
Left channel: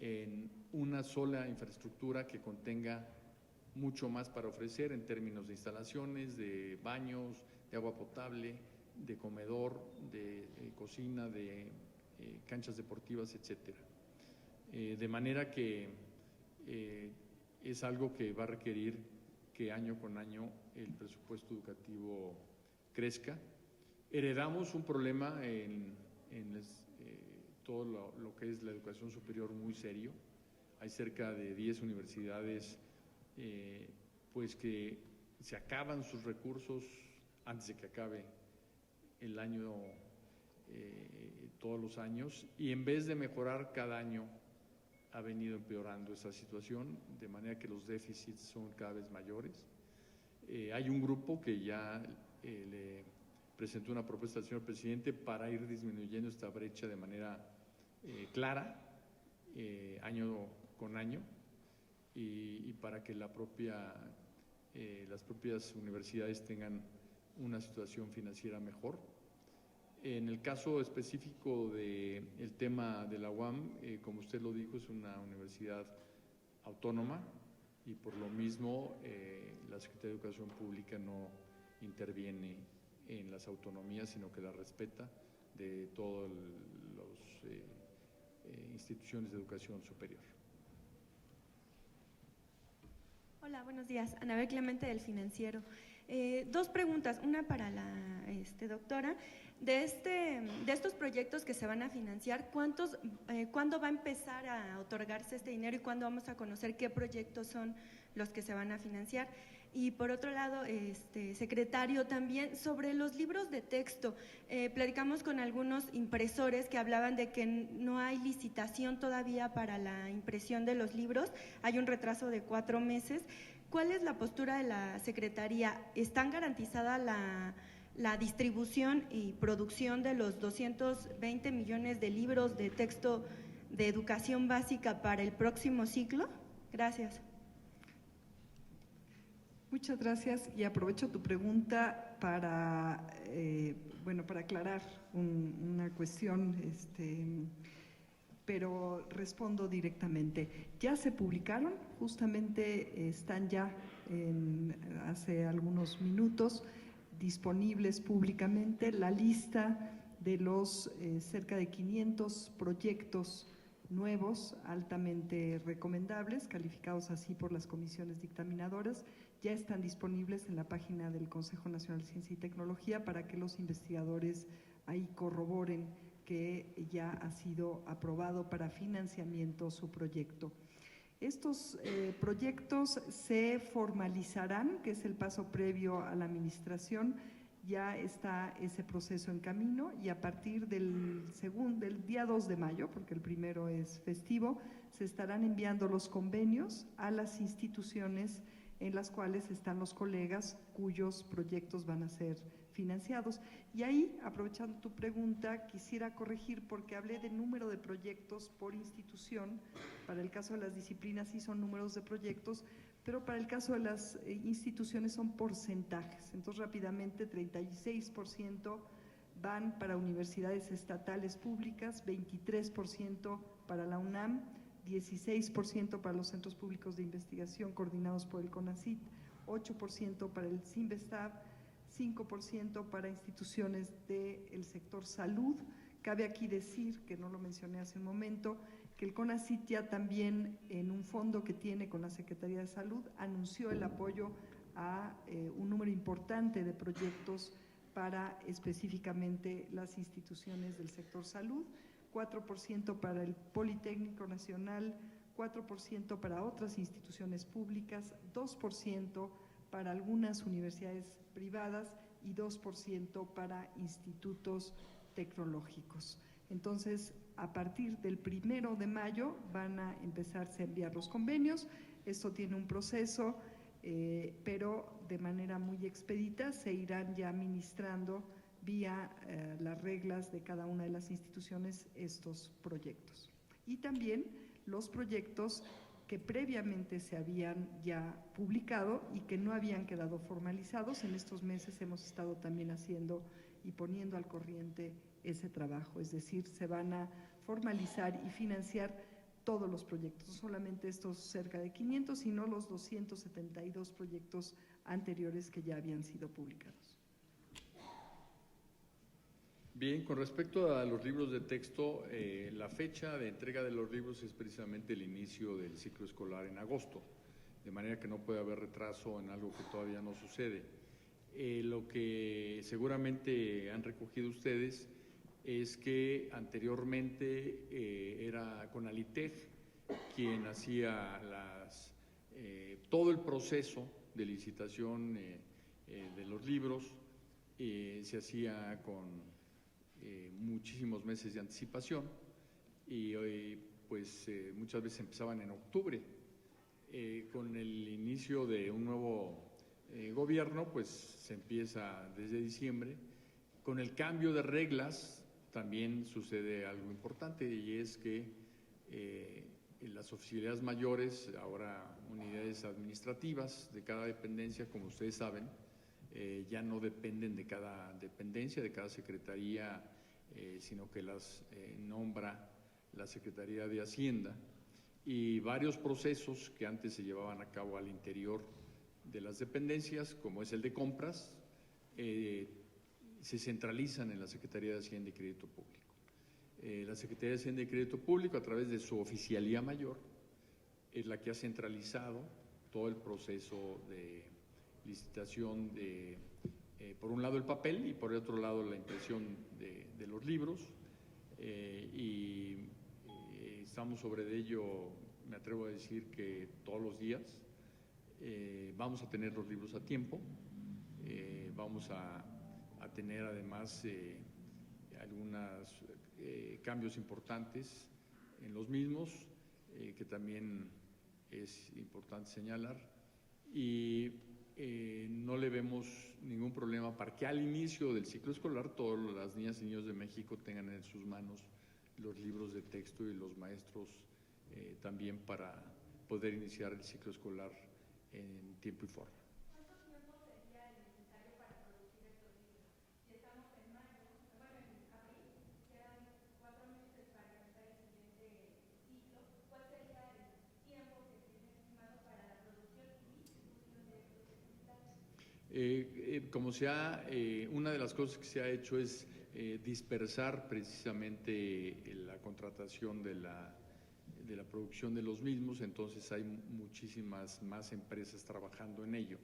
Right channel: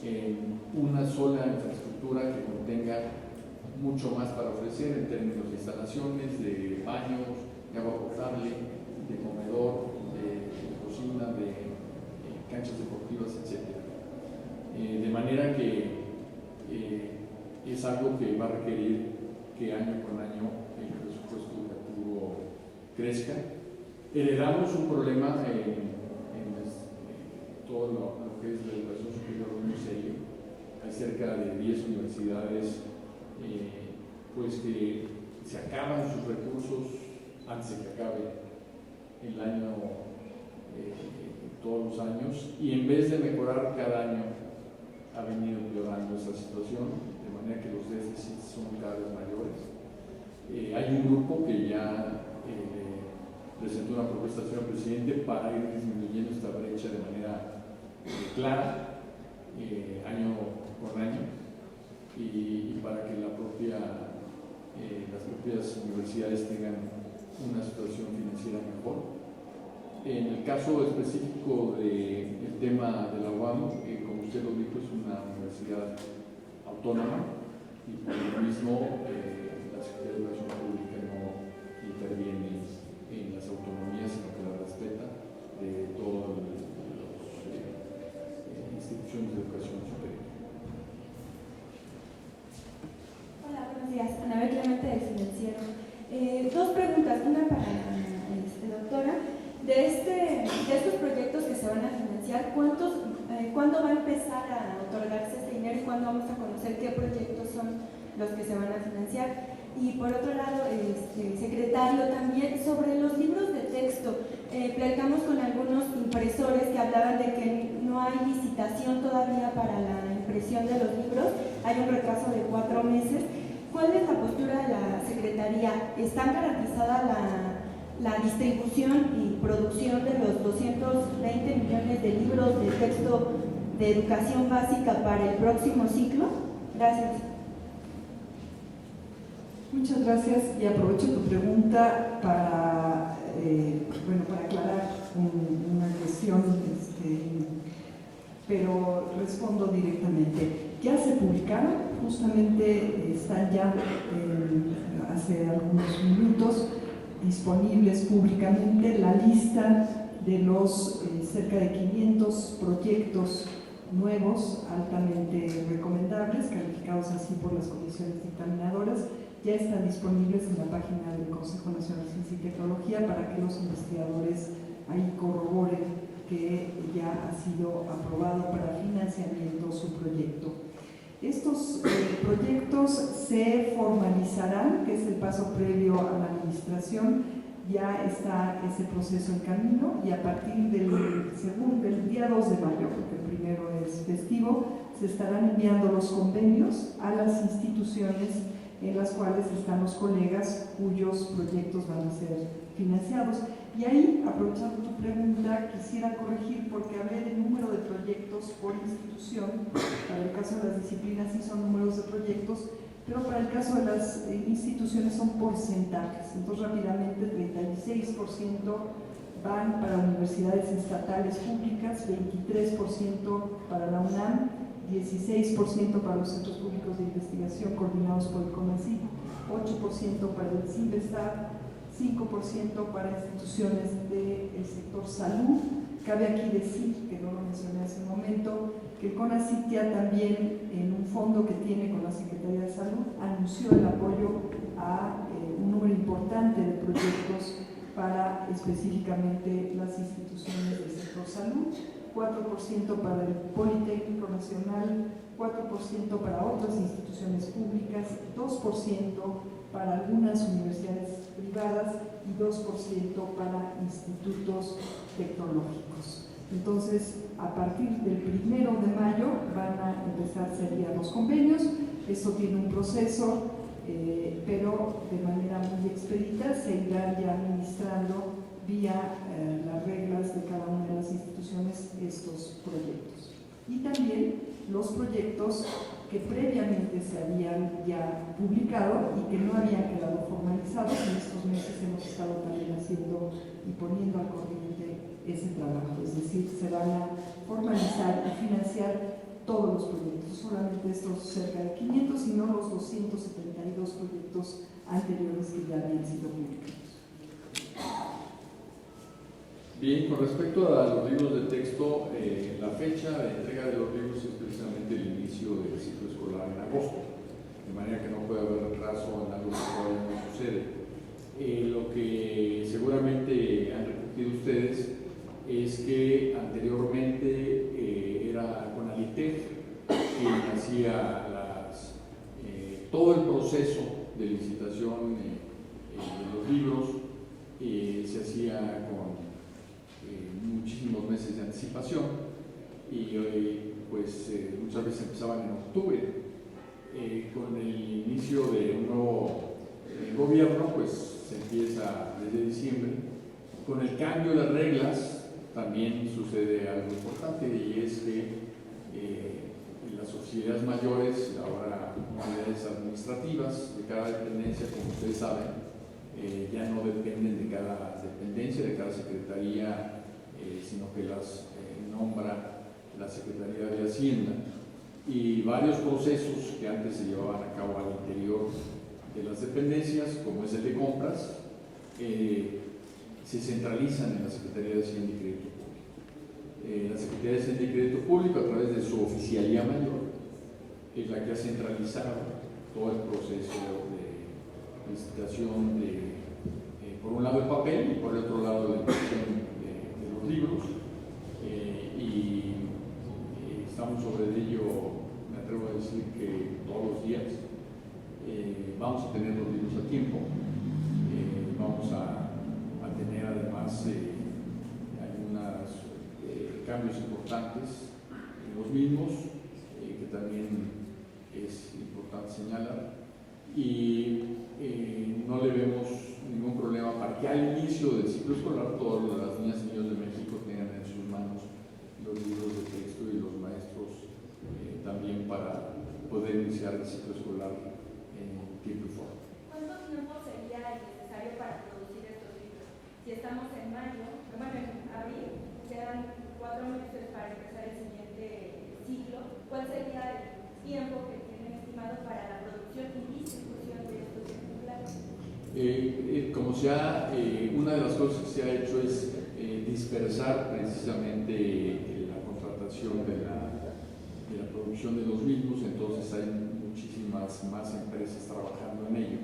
en una sola infraestructura que contenga mucho más para ofrecer en términos de instalaciones, de baños, de agua potable, de comedor, de cocina, de canchas deportivas, etc. De manera que es algo que va a requerir que año con año el presupuesto educativo crezca. Heredamos un problema en todo lo que es la educación superior muy serio. Hay cerca de 10 universidades pues que se acaban sus recursos antes de que acabe el año, todos los años, y en vez de mejorar cada año ha venido empeorando esa situación, de manera que los déficits son cada vez mayores. Hay un grupo que ya presentó una propuesta al señor presidente para ir disminuyendo esta brecha de manera clara, año con año, y para que las propias universidades tengan una situación financiera mejor. En el caso específico del tema de la UAM, como usted lo dijo, es una universidad autónoma y por lo mismo la Secretaría de Educación Pública no interviene en las autonomías, sino que las respeta de todas las instituciones de educación superior. Hola, buenos días. Anabel Clemente del Financiero. Dos preguntas, una para la doctora. De estos proyectos que se van a financiar, ¿cuándo va a empezar a otorgarse este dinero y cuándo vamos a conocer qué proyectos son los que se van a financiar? Y por otro lado, secretario, también sobre los libros de texto, platicamos con algunos impresores que hablaban de que no hay licitación todavía para la impresión de los libros, hay un retraso de 4 meses. ¿Cuál es la postura de la Secretaría? ¿Está garantizada la distribución y producción de los 220 millones de libros de texto de educación básica para el próximo ciclo? Gracias. Muchas gracias, y aprovecho tu pregunta para aclarar una cuestión, pero respondo directamente. Ya se publicaron, justamente están ya hace algunos minutos disponibles públicamente la lista de los cerca de 500 proyectos nuevos, altamente recomendables, calificados así por las comisiones dictaminadoras. Ya están disponibles en la página del Consejo Nacional de Ciencia y Tecnología para que los investigadores ahí corroboren que ya ha sido aprobado para financiamiento su proyecto. Estos proyectos se formalizarán, que es el paso previo a la administración. Ya está ese proceso en camino y a partir del día 2 de mayo, porque el primero es festivo, se estarán enviando los convenios a las instituciones en las cuales están los colegas cuyos proyectos van a ser financiados. Y ahí, aprovechando tu pregunta, quisiera corregir porque hablé de número de proyectos por institución. Para el caso de las disciplinas sí son números de proyectos, pero para el caso de las instituciones son porcentajes. Entonces, rápidamente, 36% van para universidades estatales públicas, 23% para la UNAM, 16% para los centros públicos de investigación coordinados por el CONACYT, 8% para el CIBESTAT, 5% para instituciones del sector salud. Cabe aquí decir, que no lo mencioné hace un momento, que el CONACYT ya también, en un fondo que tiene con la Secretaría de Salud, anunció el apoyo a un número importante de proyectos para específicamente las instituciones del sector salud, 4% para el Politécnico Nacional 4% para otras instituciones públicas, 2% para algunas universidades privadas y 2% para institutos tecnológicos. Entonces, a partir del 1 de mayo van a empezar a ser los convenios. Esto tiene un proceso, pero de manera muy expedita se irán ya administrando vía las reglas de cada una de las instituciones estos proyectos. Y también los proyectos que previamente se habían ya publicado y que no habían quedado formalizados. En estos meses hemos estado también haciendo y poniendo al corriente ese trabajo, es decir, se van a formalizar y financiar todos los proyectos, no solamente estos cerca de 500, sino los 272 proyectos anteriores que ya habían sido publicados. Bien, con respecto a los libros de texto, la fecha de entrega de los libros es precisamente el inicio del ciclo escolar en agosto, de manera que no puede haber retraso en algo que todavía no sucede. Lo que seguramente han recogido ustedes es que anteriormente era CONALITEG quien hacía todo el proceso de licitación de los libros, se hacía con muchísimos meses de anticipación y pues muchas veces empezaban en octubre. Con el inicio de un nuevo gobierno pues se empieza desde diciembre. Con el cambio de reglas también sucede algo importante, y es que las auxiliares mayores, ahora unidades administrativas de cada dependencia, como ustedes saben, ya no dependen de cada dependencia, de cada secretaría, sino que las nombra la Secretaría de Hacienda, y varios procesos que antes se llevaban a cabo al interior de las dependencias, como es el de compras, se centralizan en la Secretaría de Hacienda y Crédito Público. La Secretaría de Hacienda y Crédito Público, a través de su oficialía mayor, es la que ha centralizado todo el proceso de licitación por un lado el papel y por el otro lado la impresión de los libros, y estamos sobre ello, me atrevo a decir que todos los días. Vamos a tener los libros a tiempo, vamos a tener además algunos cambios importantes en los mismos, que también es importante señalar, y no le vemos ningún problema para que al inicio del ciclo escolar todas las niñas y niños de México tengan en sus manos los libros de texto, y los maestros también para poder iniciar el ciclo escolar en tiempo y forma. ¿Cuánto tiempo sería necesario para producir estos libros? Si estamos en mayo, bueno, en abril, quedan 4 meses para empezar el siguiente ciclo, ¿cuál sería el tiempo que tienen estimado para la producción y distribución de estos ejemplares? Una de las cosas que se ha hecho es dispersar precisamente la contratación de la producción de los mismos, entonces hay muchísimas más empresas trabajando en ello,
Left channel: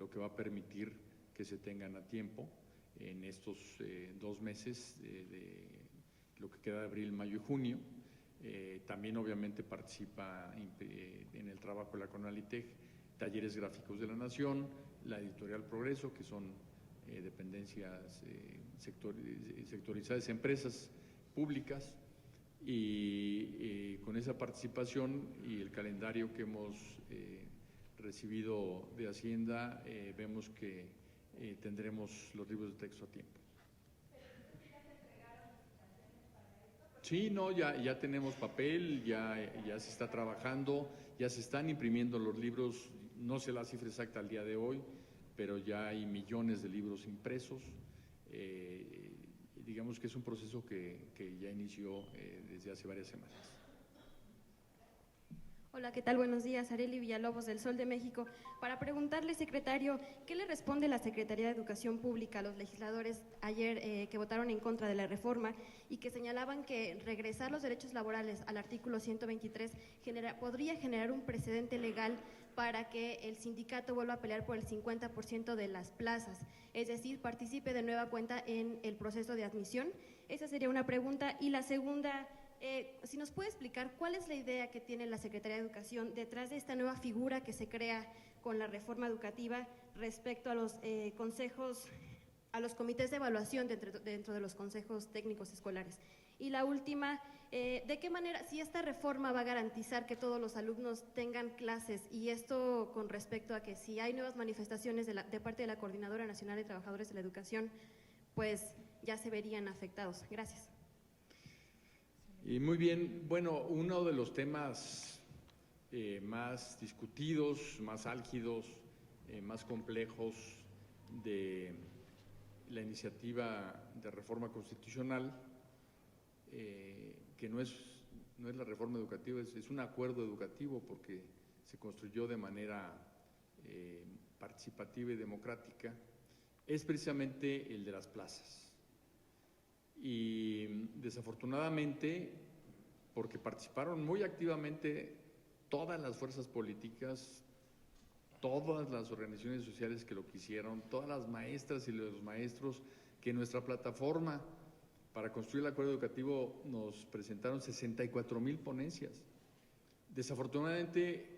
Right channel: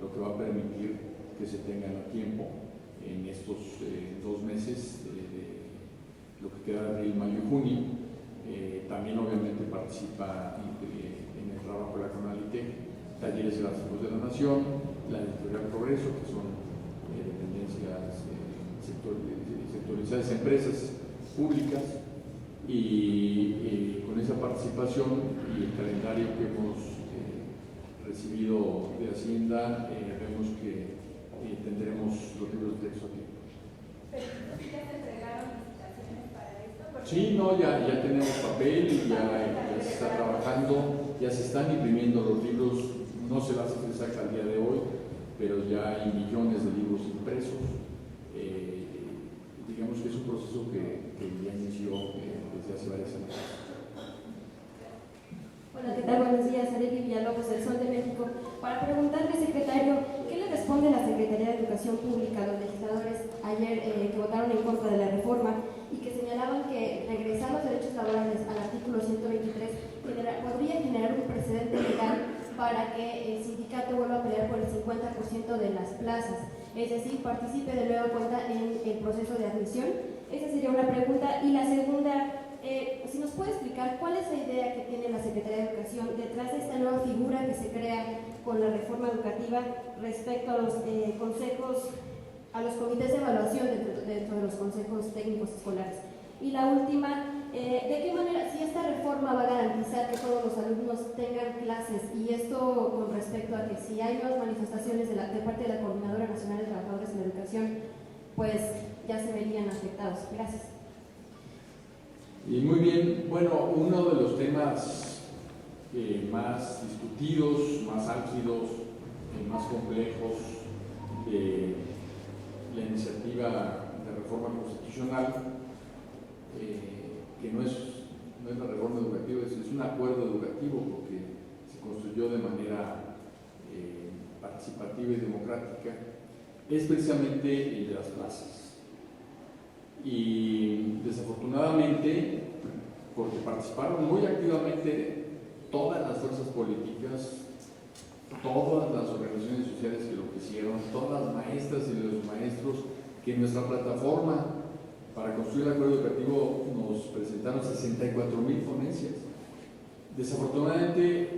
lo que va a permitir que se tengan a tiempo en estos 2 meses, lo que queda de abril, mayo y junio. También obviamente participa en el trabajo de la CONALITEG, Talleres Gráficos de la Nación, la Editorial Progreso, que son dependencias sectorizadas, empresas públicas, y con esa participación y el calendario que hemos recibido de Hacienda, vemos que tendremos los libros de texto a tiempo. ¿Pero ya se entregaron licitaciones para esto? Sí, no, ya tenemos papel, ya se está trabajando, ya se están imprimiendo los libros, no se la cifra exacta al día de hoy, pero ya hay millones de libros impresos. Digamos que es un proceso que ya inició desde hace varias semanas. Hola, ¿qué tal? Buenos días, Arely Villalobos del Sol de México. Para preguntarle, secretario, ¿qué le responde la Secretaría de Educación Pública a los legisladores ayer que votaron en contra de la reforma y que señalaban que regresar los derechos laborales al artículo 123 podría generar un precedente legal para que el sindicato vuelva a pelear por el 50% de las plazas, es decir, participe de nueva cuenta en el proceso de admisión? Esa sería una pregunta. Y la segunda, Si nos puede explicar cuál es la idea que tiene la Secretaría de Educación detrás de esta nueva figura que se crea con la reforma educativa respecto a los consejos, a los comités de evaluación dentro de los consejos técnicos escolares. Y la última, ¿de qué manera, si esta reforma va a garantizar que todos los alumnos tengan clases, y esto con respecto a que si hay nuevas manifestaciones de parte de la Coordinadora Nacional de Trabajadores en la Educación, pues ya se verían afectados? Gracias. Y muy bien, bueno, uno de los temas más discutidos, más álgidos, más complejos de la iniciativa de reforma constitucional, que no es la reforma educativa, es un acuerdo educativo porque se construyó de manera participativa y democrática, es precisamente el de las plazas. Y desafortunadamente, porque participaron muy activamente todas las fuerzas políticas, todas las organizaciones sociales que lo quisieron, todas las maestras y los maestros que en nuestra plataforma para construir el acuerdo educativo nos presentaron 64,000 ponencias. Desafortunadamente,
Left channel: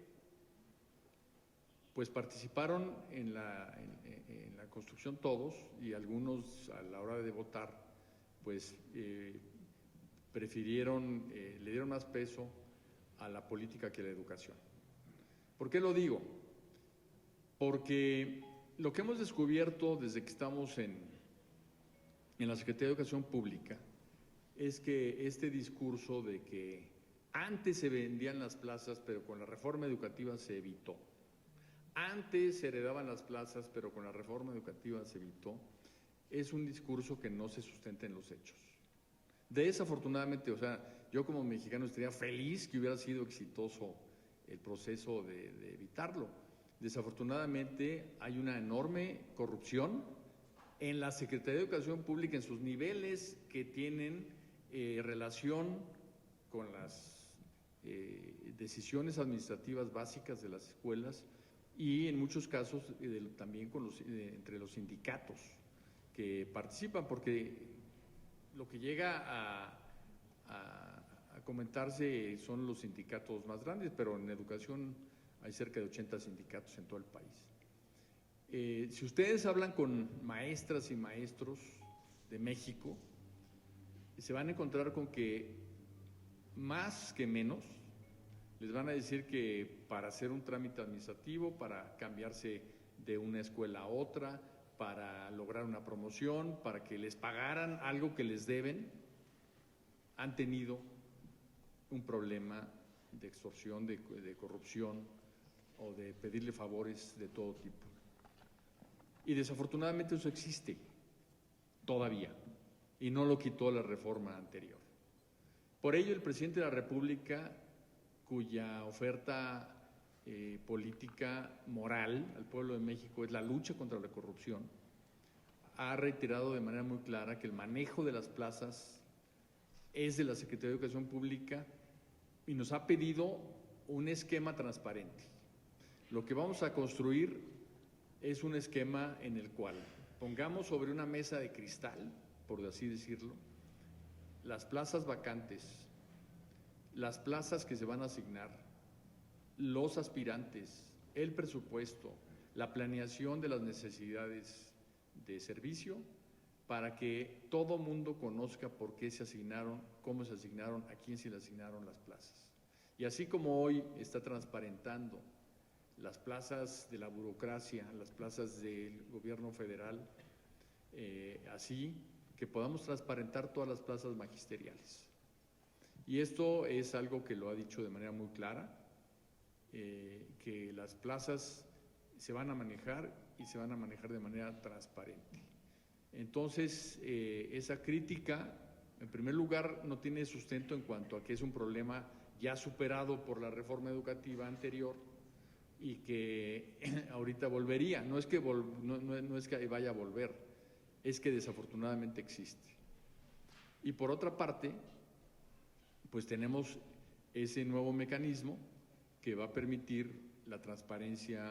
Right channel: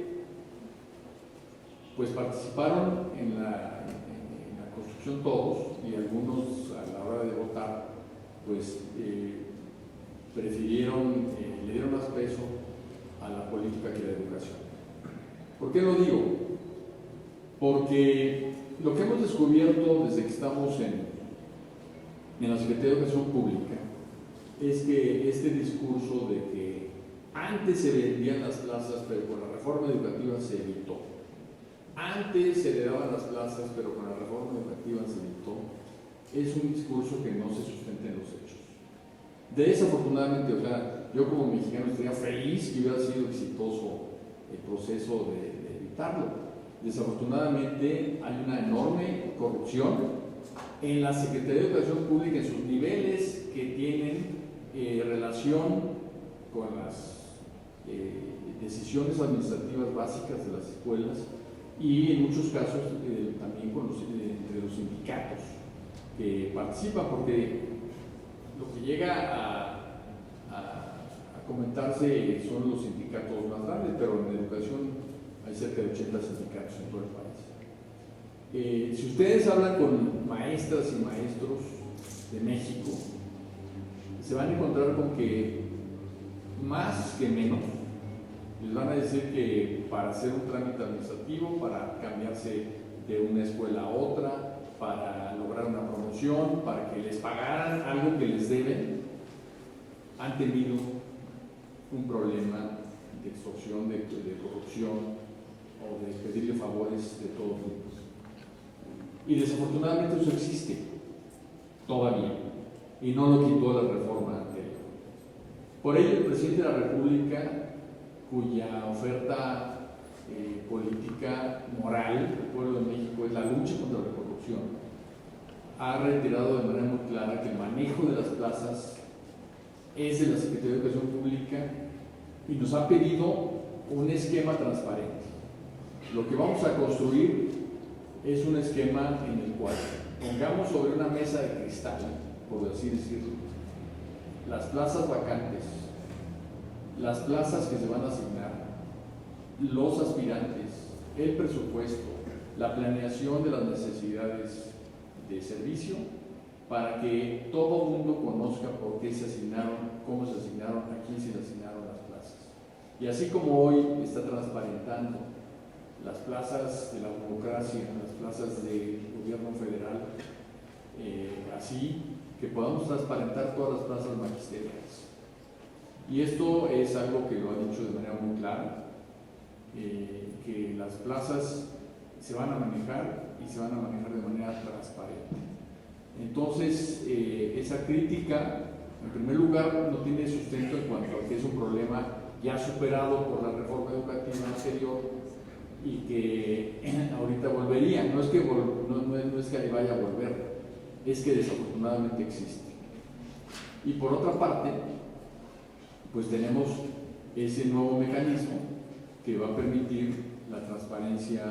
pues participaron en la construcción todos, y algunos a la hora de votar pues prefirieron, le dieron más peso a la política que a la educación. ¿Por qué lo digo? Porque lo que hemos descubierto desde que estamos en la Secretaría de Educación Pública es que este discurso de que antes se vendían las plazas pero con la reforma educativa se evitó, antes se le daban las plazas pero con la reforma educativa se evitó, es un discurso que no se sustenta en los hechos. Desafortunadamente, o sea, yo como mexicano estaría feliz que hubiera sido exitoso el proceso de evitarlo. Desafortunadamente hay una enorme corrupción en la Secretaría de Educación Pública, en sus niveles que tienen relación con las decisiones administrativas básicas de las escuelas, y en muchos casos también entre los sindicatos que participan, porque lo que llega a comentarse son los sindicatos más grandes, pero en educación hay cerca de 80 sindicatos en todo el país. Si ustedes hablan con maestras y maestros de México, se van a encontrar con que más que menos les van a decir que para hacer un trámite administrativo, para cambiarse de una escuela a otra, para lograr una promoción, para que les pagaran algo que les deben, han tenido un problema de extorsión, de corrupción o de pedirle favores de todo tipo. Y desafortunadamente eso existe todavía, y no lo quitó la reforma anterior. Por ello, el presidente de la República, cuya oferta política moral del pueblo de México es la lucha contra la corrupción, ha reiterado de manera muy clara que el manejo de las plazas es de la Secretaría de Educación Pública, y nos ha pedido un esquema transparente. Lo que vamos a construir es un esquema en el cual pongamos sobre una mesa de cristal, por así decirlo, las plazas vacantes, las plazas que se van a asignar, los aspirantes, el presupuesto, la planeación de las necesidades de servicio, para que todo el mundo conozca por qué se asignaron, cómo se asignaron, a quién se le asignaron las plazas. Y así como hoy está transparentando las plazas de la burocracia, las plazas del gobierno federal, así que podamos transparentar todas las plazas magisteriales. Y esto es algo que lo ha dicho de manera muy clara, que las plazas se van a manejar, y se van a manejar de manera transparente. Entonces, esa crítica, en primer lugar, no tiene sustento en cuanto a que es un problema ya superado por la reforma educativa anterior y que ahorita volvería. No es que ahí vaya a volver, es que desafortunadamente existe. Y por otra parte, pues tenemos ese nuevo mecanismo que va a permitir la transparencia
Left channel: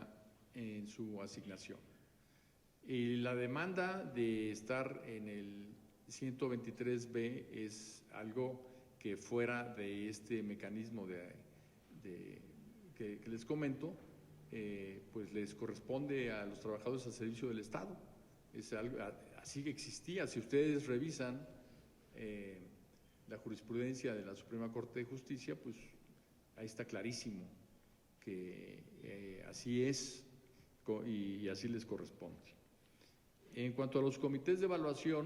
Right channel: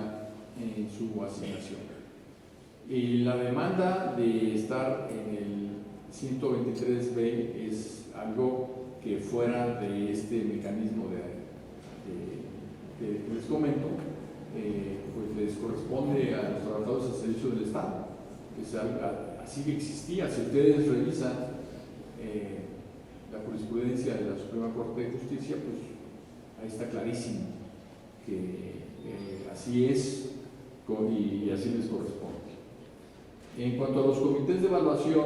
en su asignación. Y la demanda de estar en el 123B es algo que fuera de este mecanismo que les comento, pues les corresponde a los trabajadores al servicio del Estado. Así que existía. Si ustedes revisan la jurisprudencia de la Suprema Corte de Justicia, pues ahí está clarísimo que así es y así les corresponde. En cuanto a los comités de evaluación,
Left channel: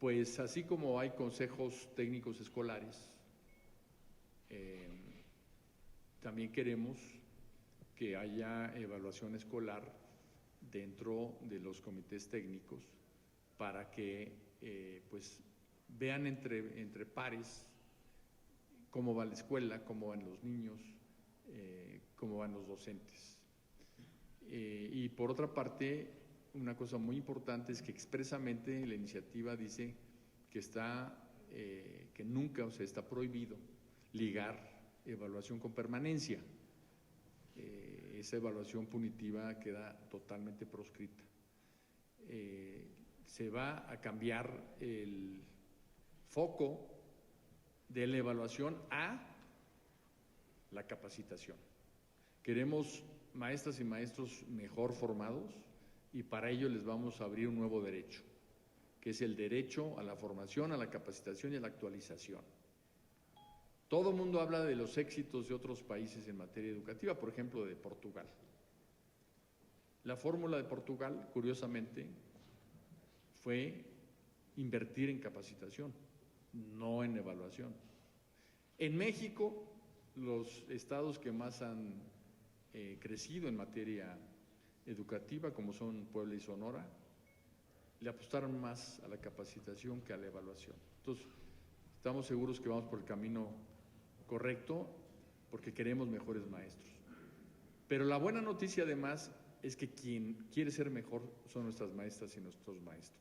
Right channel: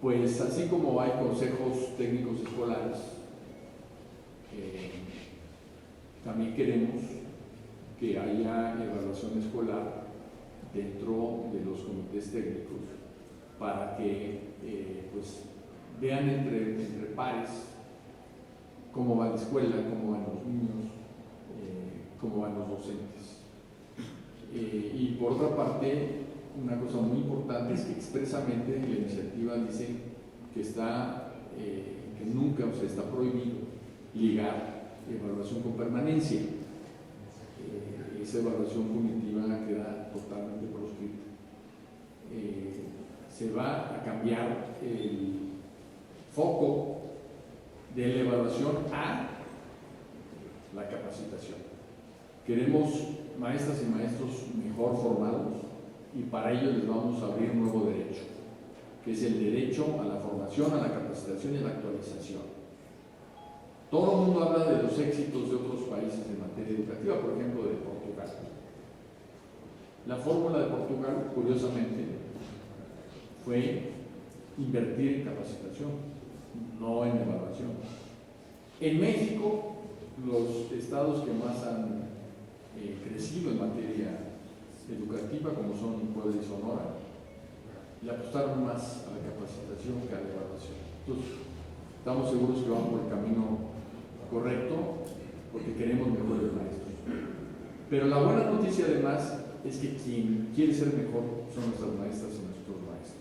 pues así como hay consejos técnicos escolares, también queremos que haya evaluación escolar dentro de los comités técnicos para que pues vean entre pares cómo va la escuela, cómo van los niños, cómo van los docentes. Y por otra parte, una cosa muy importante es que expresamente la iniciativa dice que que nunca, o sea, está prohibido ligar evaluación con permanencia. Esa evaluación punitiva queda totalmente proscrita. Se va a cambiar el foco de la evaluación a la capacitación. Queremos maestras y maestros mejor formados y para ello les vamos a abrir un nuevo derecho, que es el derecho a la formación, a la capacitación y a la actualización. Todo el mundo habla de los éxitos de otros países en materia educativa, por ejemplo de Portugal. La fórmula de Portugal, curiosamente, fue invertir en capacitación, no en evaluación. En México, los estados que más han crecido en materia educativa, como son Puebla y Sonora, le apostaron más a la capacitación que a la evaluación. Entonces, estamos seguros que vamos por el camino correcto porque queremos mejores maestros. Pero la buena noticia además es que quien quiere ser mejor son nuestras maestras y nuestros maestros.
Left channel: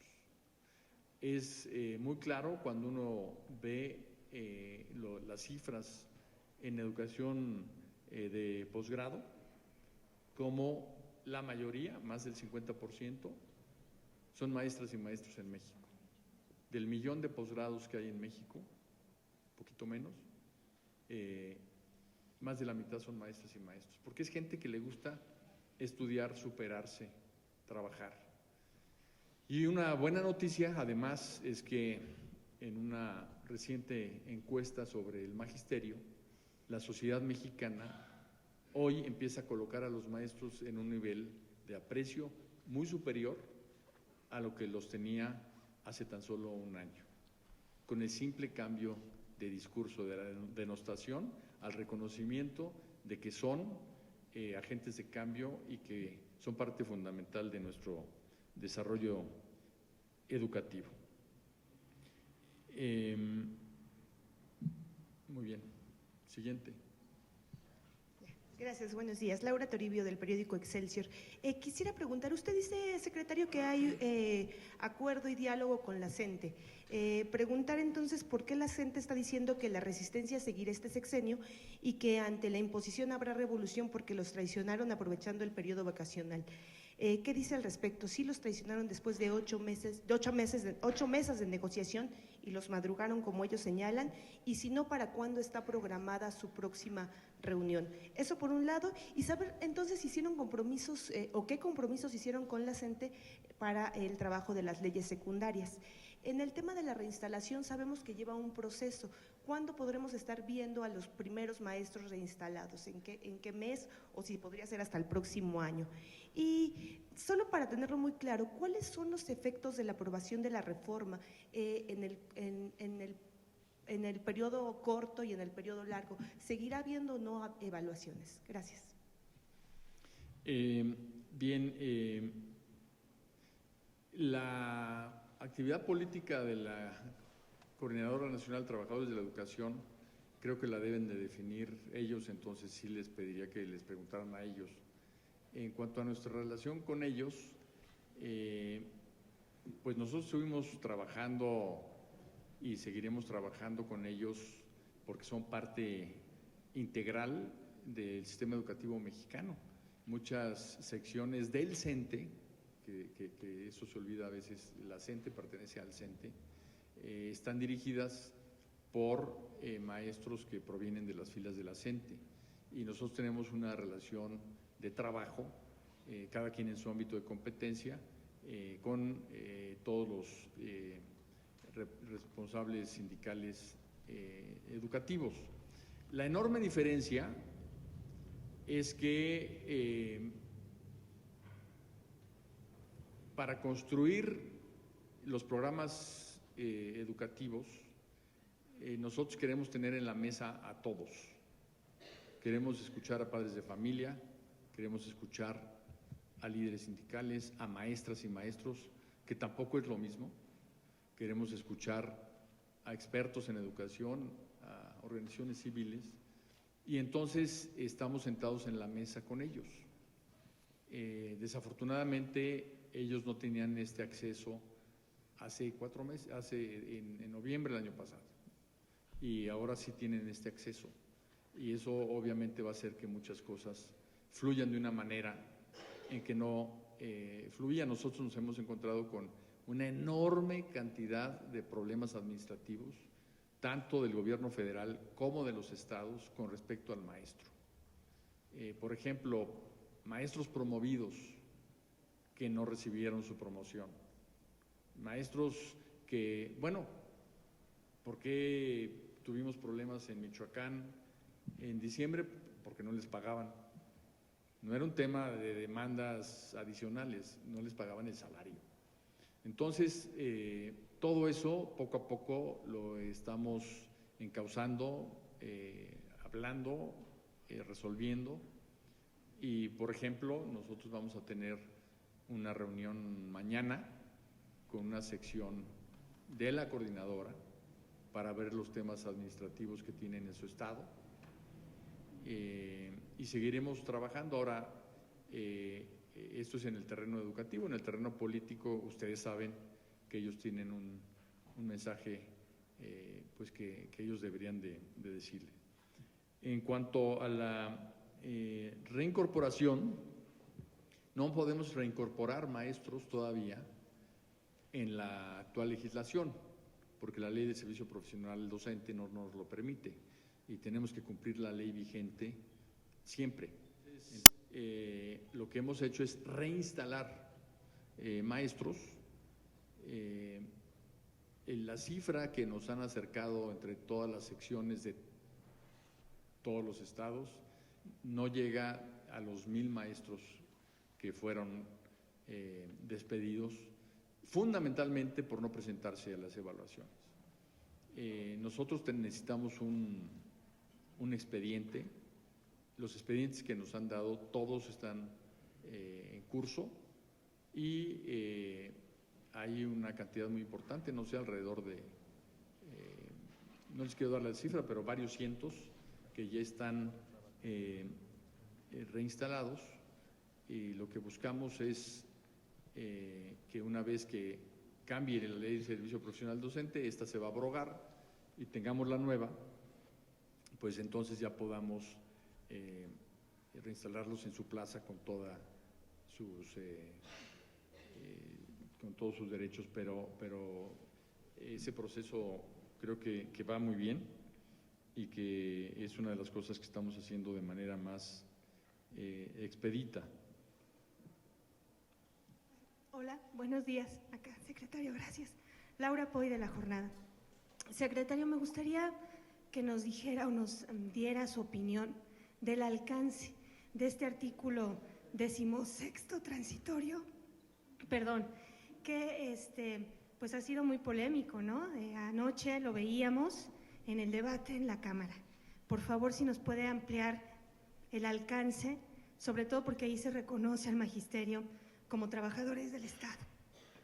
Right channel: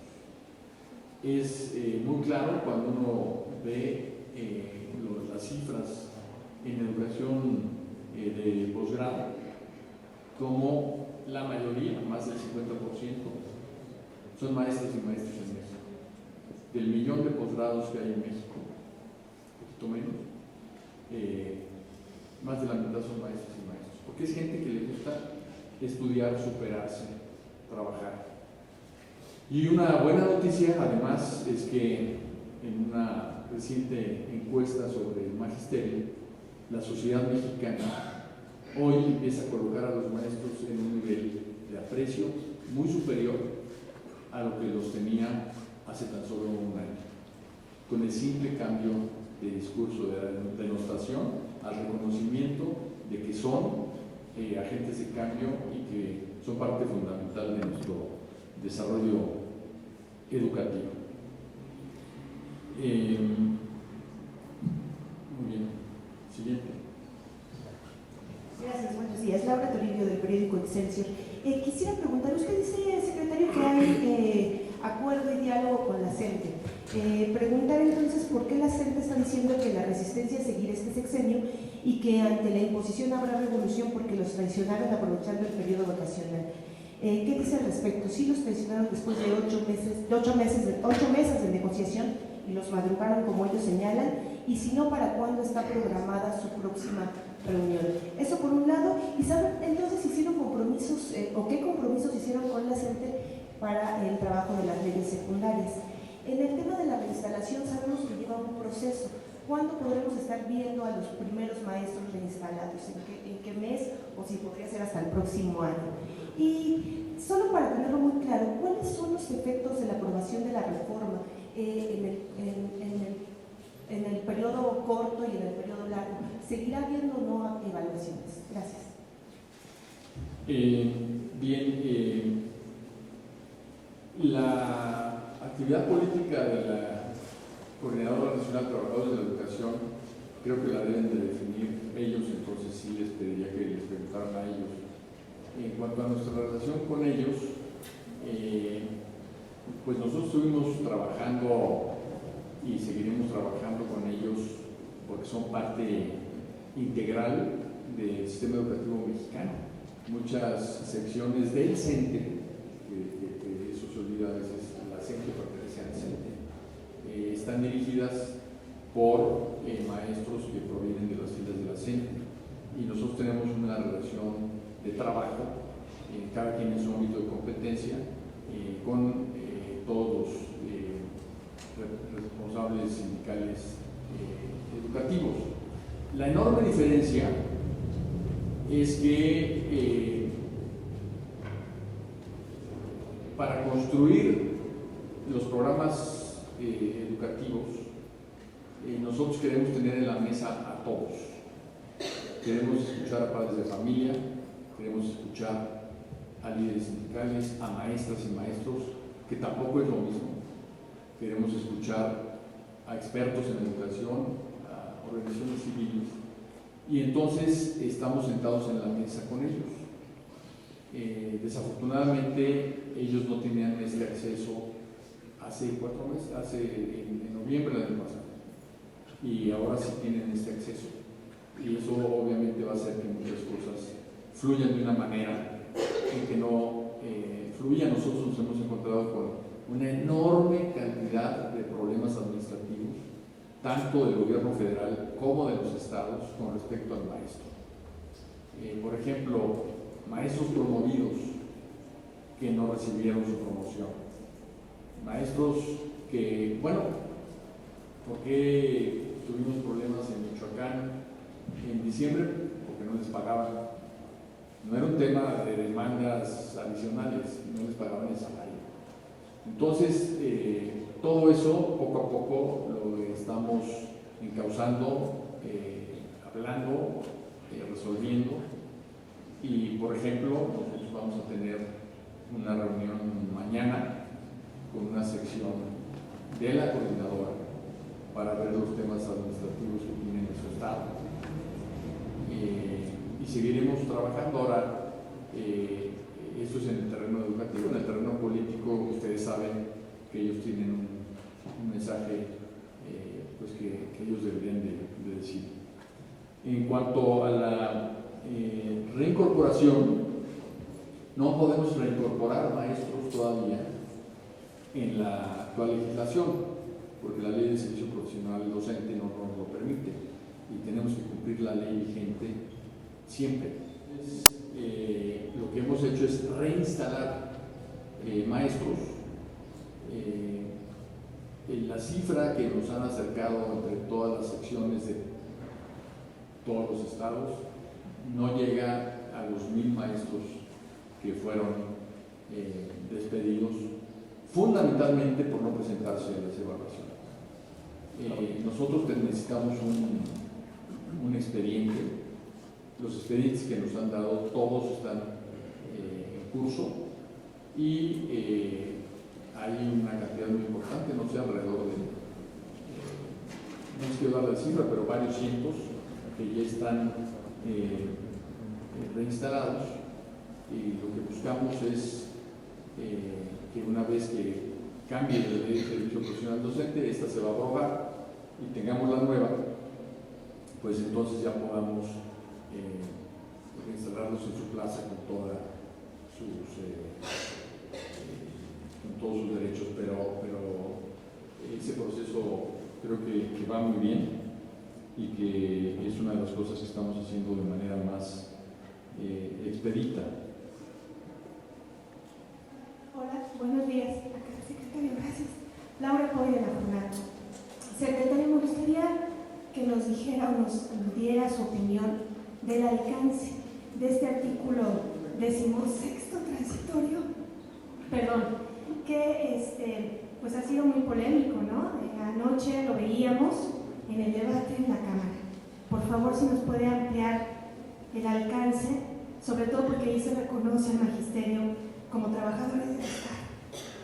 Es muy claro cuando uno ve las cifras en educación de posgrado, como la mayoría, más del 50%, son maestras y maestros en México. Del millón de posgrados que hay en México, un poquito menos, más de la mitad son maestros y maestros, porque es gente que le gusta estudiar, superarse, trabajar. Y una buena noticia además es que en una reciente encuesta sobre el magisterio, la sociedad mexicana hoy empieza a colocar a los maestros en un nivel de aprecio muy superior a lo que los tenía hace tan solo un año, con el simple cambio de discurso, de la denostación al reconocimiento de que son agentes de cambio y que son parte fundamental de nuestro desarrollo educativo. Muy bien, siguiente. Gracias, buenos días. Laura Toribio, del periódico Excelsior. Quisiera preguntar, usted dice, secretario, que hay acuerdo y diálogo con la CENTE. Preguntar entonces por qué la CENTE está diciendo que la resistencia es seguir este sexenio y que ante la imposición habrá revolución porque los traicionaron aprovechando el periodo vacacional. ¿Qué dice al respecto? ¿Sí los traicionaron después de 8 meses de negociación y los madrugaron como ellos señalan? Y si no, ¿para cuándo está programada su próxima reunión? Eso por un lado. ¿Y saben entonces hicieron compromisos o qué compromisos hicieron con la CENTE para el trabajo de las leyes secundarias? En el tema de la reinstalación sabemos que lleva un proceso. ¿Cuándo podremos estar viendo a los primeros maestros reinstalados? ¿En qué mes? O si podría ser hasta el próximo año. Y solo para tenerlo muy claro, ¿cuáles son los efectos de la aprobación de la reforma en el periodo corto y en el periodo largo? ¿Seguirá habiendo o no evaluaciones? Gracias. Bien, la actividad política de la Coordinadora Nacional de Trabajadores de la Educación creo que la deben de definir ellos, entonces sí les pediría que les preguntaran a ellos. En cuanto a nuestra relación con ellos, pues nosotros estuvimos trabajando y seguiremos trabajando con ellos porque son parte integral del sistema educativo mexicano. Muchas secciones del CENTE, que eso se olvida a veces, la CENTE pertenece al CENTE, están dirigidas por maestros que provienen de las filas de la CENTE, y nosotros tenemos una relación de trabajo, cada quien en su ámbito de competencia, con todos los responsables sindicales educativos. La enorme diferencia es que para construir los programas educativos, nosotros queremos tener en la mesa a todos. Queremos escuchar a padres de familia, queremos escuchar a líderes sindicales, a maestras y maestros, que tampoco es lo mismo. Queremos escuchar a expertos en educación, a organizaciones civiles, y entonces estamos sentados en la mesa con ellos. Desafortunadamente ellos no tenían este acceso hace 4 meses, en noviembre del año pasado, y ahora sí tienen este acceso, y eso obviamente va a hacer que muchas cosas fluyan de una manera en que no fluya. Nosotros nos hemos encontrado con una enorme cantidad de problemas administrativos, tanto del gobierno federal como de los estados, con respecto al maestro. Por ejemplo, maestros promovidos que no recibieron su promoción, maestros que, bueno, ¿por qué tuvimos problemas en Michoacán en diciembre? Porque no les pagaban. No era un tema de demandas adicionales, no les pagaban el salario. Entonces, todo eso poco a poco lo estamos encauzando, hablando, resolviendo. Y, por ejemplo, nosotros vamos a tener una reunión mañana con una sección de la coordinadora para ver los temas administrativos que tiene nuestro estado. Y seguiremos trabajando. Ahora, esto es en el terreno educativo. En el terreno político, ustedes saben que ellos tienen un mensaje pues que ellos deberían de decir. En cuanto a la reincorporación, no podemos reincorporar maestros todavía en la actual legislación, porque la ley de servicio profesional docente no nos lo permite, y tenemos que cumplir la ley vigente siempre. Lo que hemos hecho es reinstalar maestros. La cifra que nos han acercado entre todas las secciones de todos los estados no llega a los 1000 maestros que fueron despedidos, fundamentalmente por no presentarse a las evaluaciones. Nosotros necesitamos un expediente. Los expedientes que nos han dado, todos están en curso, y hay una cantidad muy importante, no sé, alrededor de, no les quiero dar la cifra, pero varios cientos que ya están reinstalados, y lo que buscamos es que una vez que cambie la ley de servicio profesional docente, esta se va a aprobar y tengamos la nueva, pues entonces ya podamos reinstalarlos en su plaza con todos sus derechos, pero ese proceso creo que va muy bien, y que es una de las cosas que estamos haciendo de manera más expedita. Hola, buenos días. Acá, secretario, gracias. Laura Poy de la Jornada. Secretario, me gustaría que nos dijera o nos diera su opinión del alcance de este artículo 16º transitorio, que pues ha sido muy polémico, ¿no? Anoche lo veíamos en el debate en la Cámara. Por favor, si nos puede ampliar el alcance, sobre todo porque ahí se reconoce al magisterio como trabajadores del Estado.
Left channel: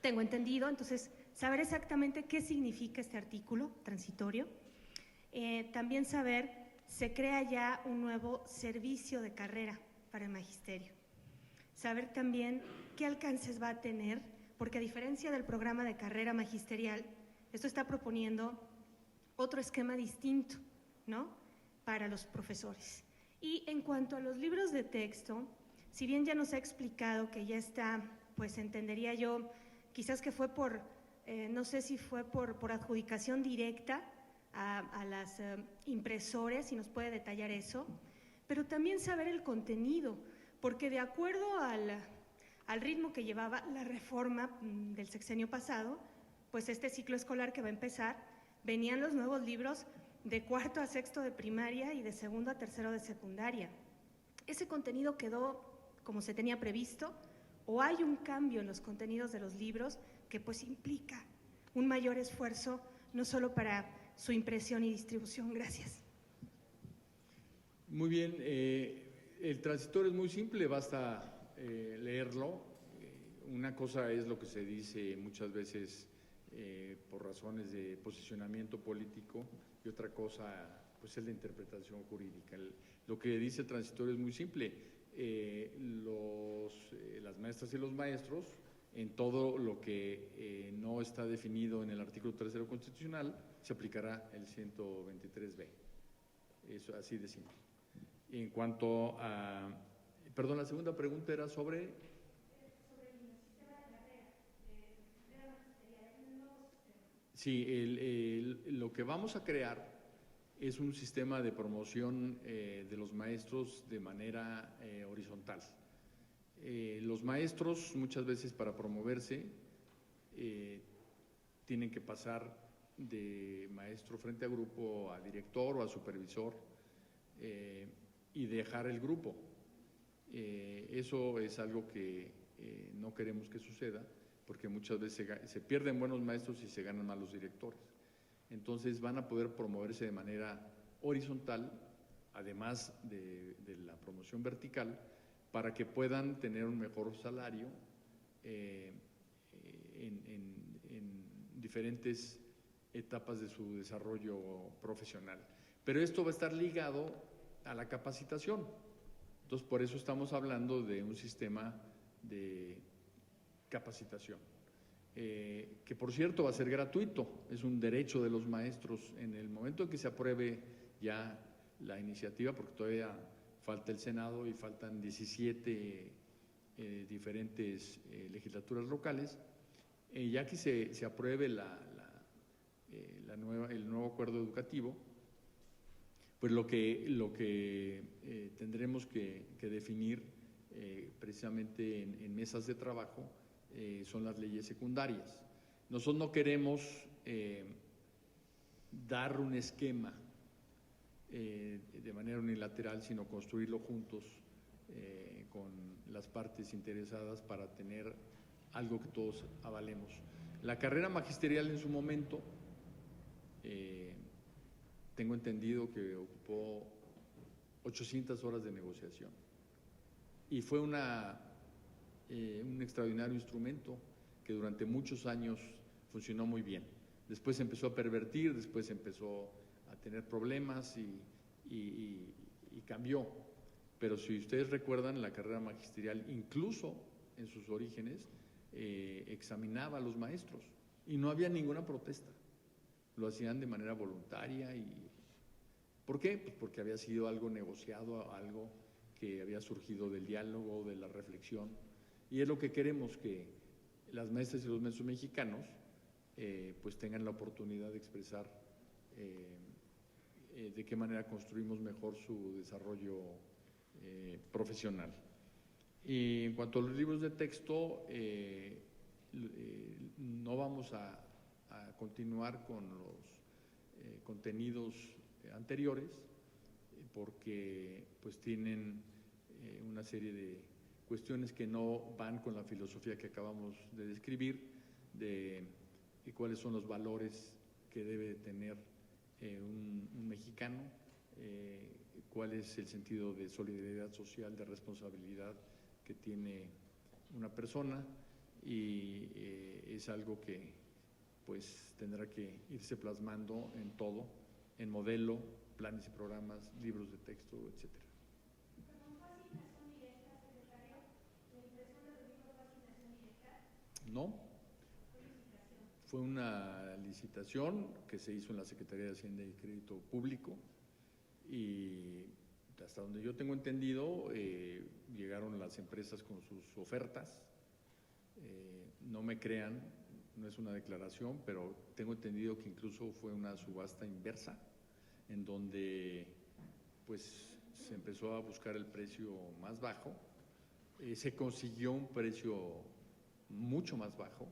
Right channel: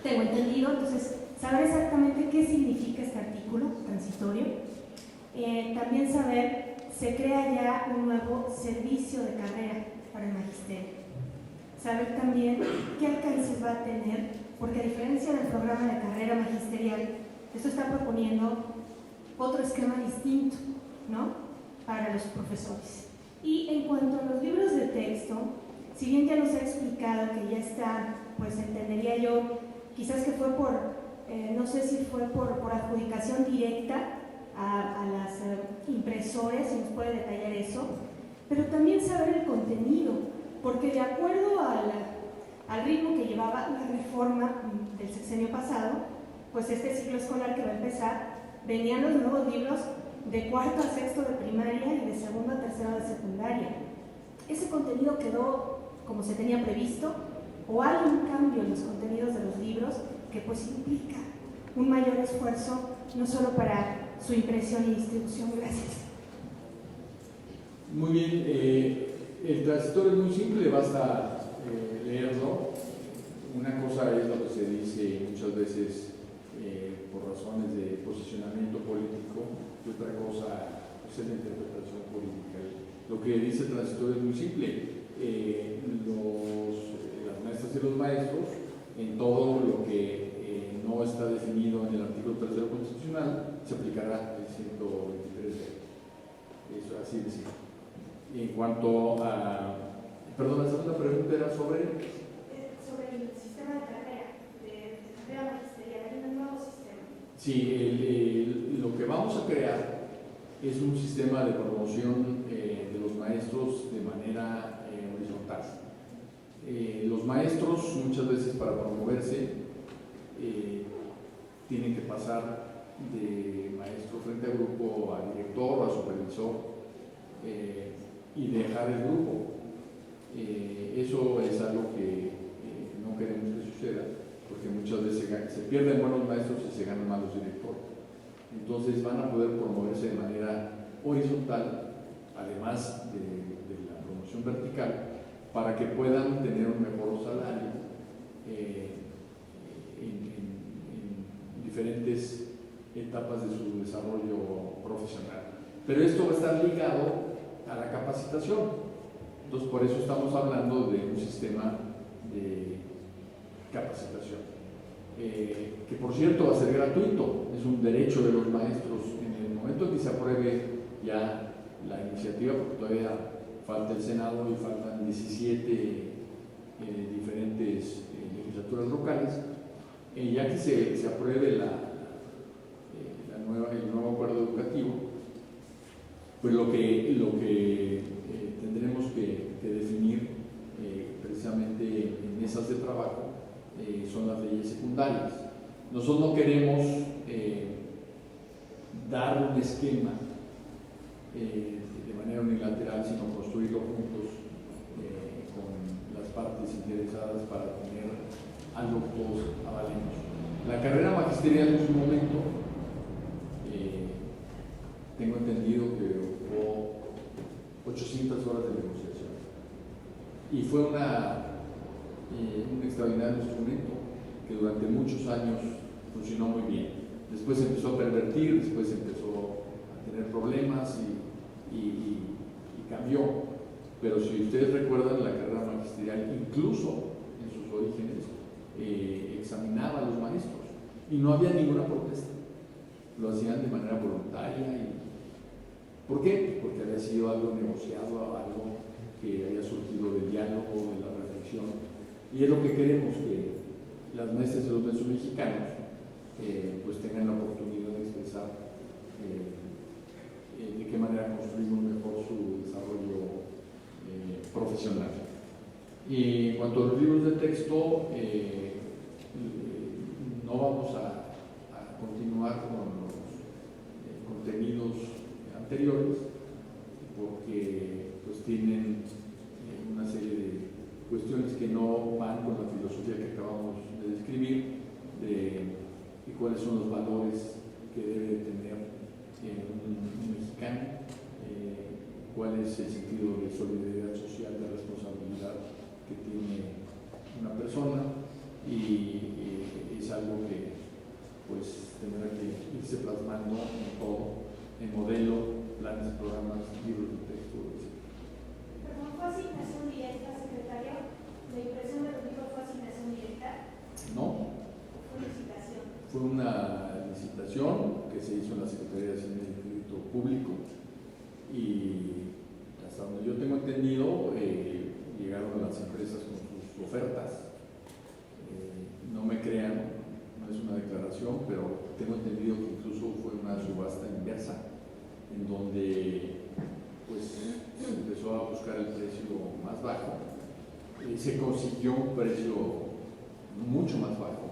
Tengo entendido, entonces, saber exactamente qué significa este artículo transitorio. También saber, se crea ya un nuevo servicio de carrera para el magisterio. Saber también qué alcances va a tener, porque a diferencia del programa de carrera magisterial, esto está proponiendo otro esquema distinto, ¿no?, para los profesores. Y en cuanto a los libros de texto, si bien ya nos ha explicado que ya está, pues entendería yo, quizás que fue por no sé si fue por adjudicación directa a las impresores, si nos puede detallar eso, pero también saber el contenido, porque de acuerdo al ritmo que llevaba la reforma del sexenio pasado, pues este ciclo escolar que va a empezar, venían los nuevos libros de cuarto a sexto de primaria y de segundo a tercero de secundaria. ¿Ese contenido quedó como se tenía previsto o hay un cambio en los contenidos de los libros que pues implica un mayor esfuerzo no solo para su impresión y distribución? Gracias. Muy bien, el transitorio es muy simple, basta leerlo. Una cosa es lo que se dice muchas veces por razones de posicionamiento político y otra cosa pues, es la interpretación política. Lo que dice el transitorio es muy simple. Las maestras y los maestros, en todo lo que no está definido en el artículo 3 constitucional, se aplicará el 123B. Eso así de simple. En cuanto a... Perdón, la segunda pregunta era sobre el sistema de carrera, de carrera magisterial, hay un nuevo sistema. Sí, lo que vamos a crear es un sistema de promoción de los maestros de manera horizontal. Los maestros muchas veces para promoverse tienen que pasar de maestro frente a grupo a director, a supervisor y dejar el grupo. Eso es algo que no queremos que suceda, porque muchas veces se pierden buenos maestros y se ganan malos directores. Entonces van a poder promoverse de manera horizontal, además de la promoción vertical, para que puedan tener un mejor salario en diferentes etapas de su desarrollo profesional. Pero esto va a estar ligado a la capacitación. Entonces, por eso estamos hablando de un sistema de capacitación, que por cierto va a ser gratuito, es un derecho de los maestros. En el momento en que se apruebe ya la iniciativa, porque todavía falta el Senado y faltan 17 diferentes legislaturas locales, ya que se apruebe el nuevo acuerdo educativo, pues lo que tendremos que definir precisamente en mesas de trabajo son las leyes secundarias. Nosotros no queremos dar un esquema de manera unilateral, sino construirlo juntos con las partes interesadas para tener algo que todos avalemos. La carrera magisterial en su momento, tengo entendido que ocupó 800 horas de negociación y fue un extraordinario instrumento que durante muchos años funcionó muy bien. Después se empezó a pervertir, después empezó a tener problemas y cambió. Pero si ustedes recuerdan, la carrera magisterial, incluso en sus orígenes, examinaba a los maestros y no había ninguna protesta. Lo hacían de manera voluntaria. ¿Por qué? Porque había sido algo negociado, algo que había surgido del diálogo, de la reflexión. Y es lo que queremos, que las maestras y los maestros mexicanos pues tengan la oportunidad de expresar de qué manera construimos mejor su desarrollo profesional. Y en cuanto a los libros de texto, no vamos a continuar con los contenidos anteriores, porque pues tienen una serie de cuestiones que no van con la filosofía que acabamos de describir, de cuáles son los valores que debe tener un mexicano, cuál es el sentido de solidaridad social, de responsabilidad que tiene una persona, y es algo que pues tendrá que irse plasmando en todo, en modelo, planes, programas, libros de texto, etc. ¿Pero fue asignación directa, secretario? ¿La impresión de los libros fue asignación directa? No. ¿Fue licitación? Fue una licitación que se hizo en la Secretaría de Hacienda y Crédito Público, y hasta donde yo tengo entendido llegaron las empresas con sus ofertas. No me crean, no es una declaración, pero tengo entendido que incluso fue una subasta inversa, en donde pues se empezó a buscar el precio más bajo, se consiguió un precio mucho más bajo.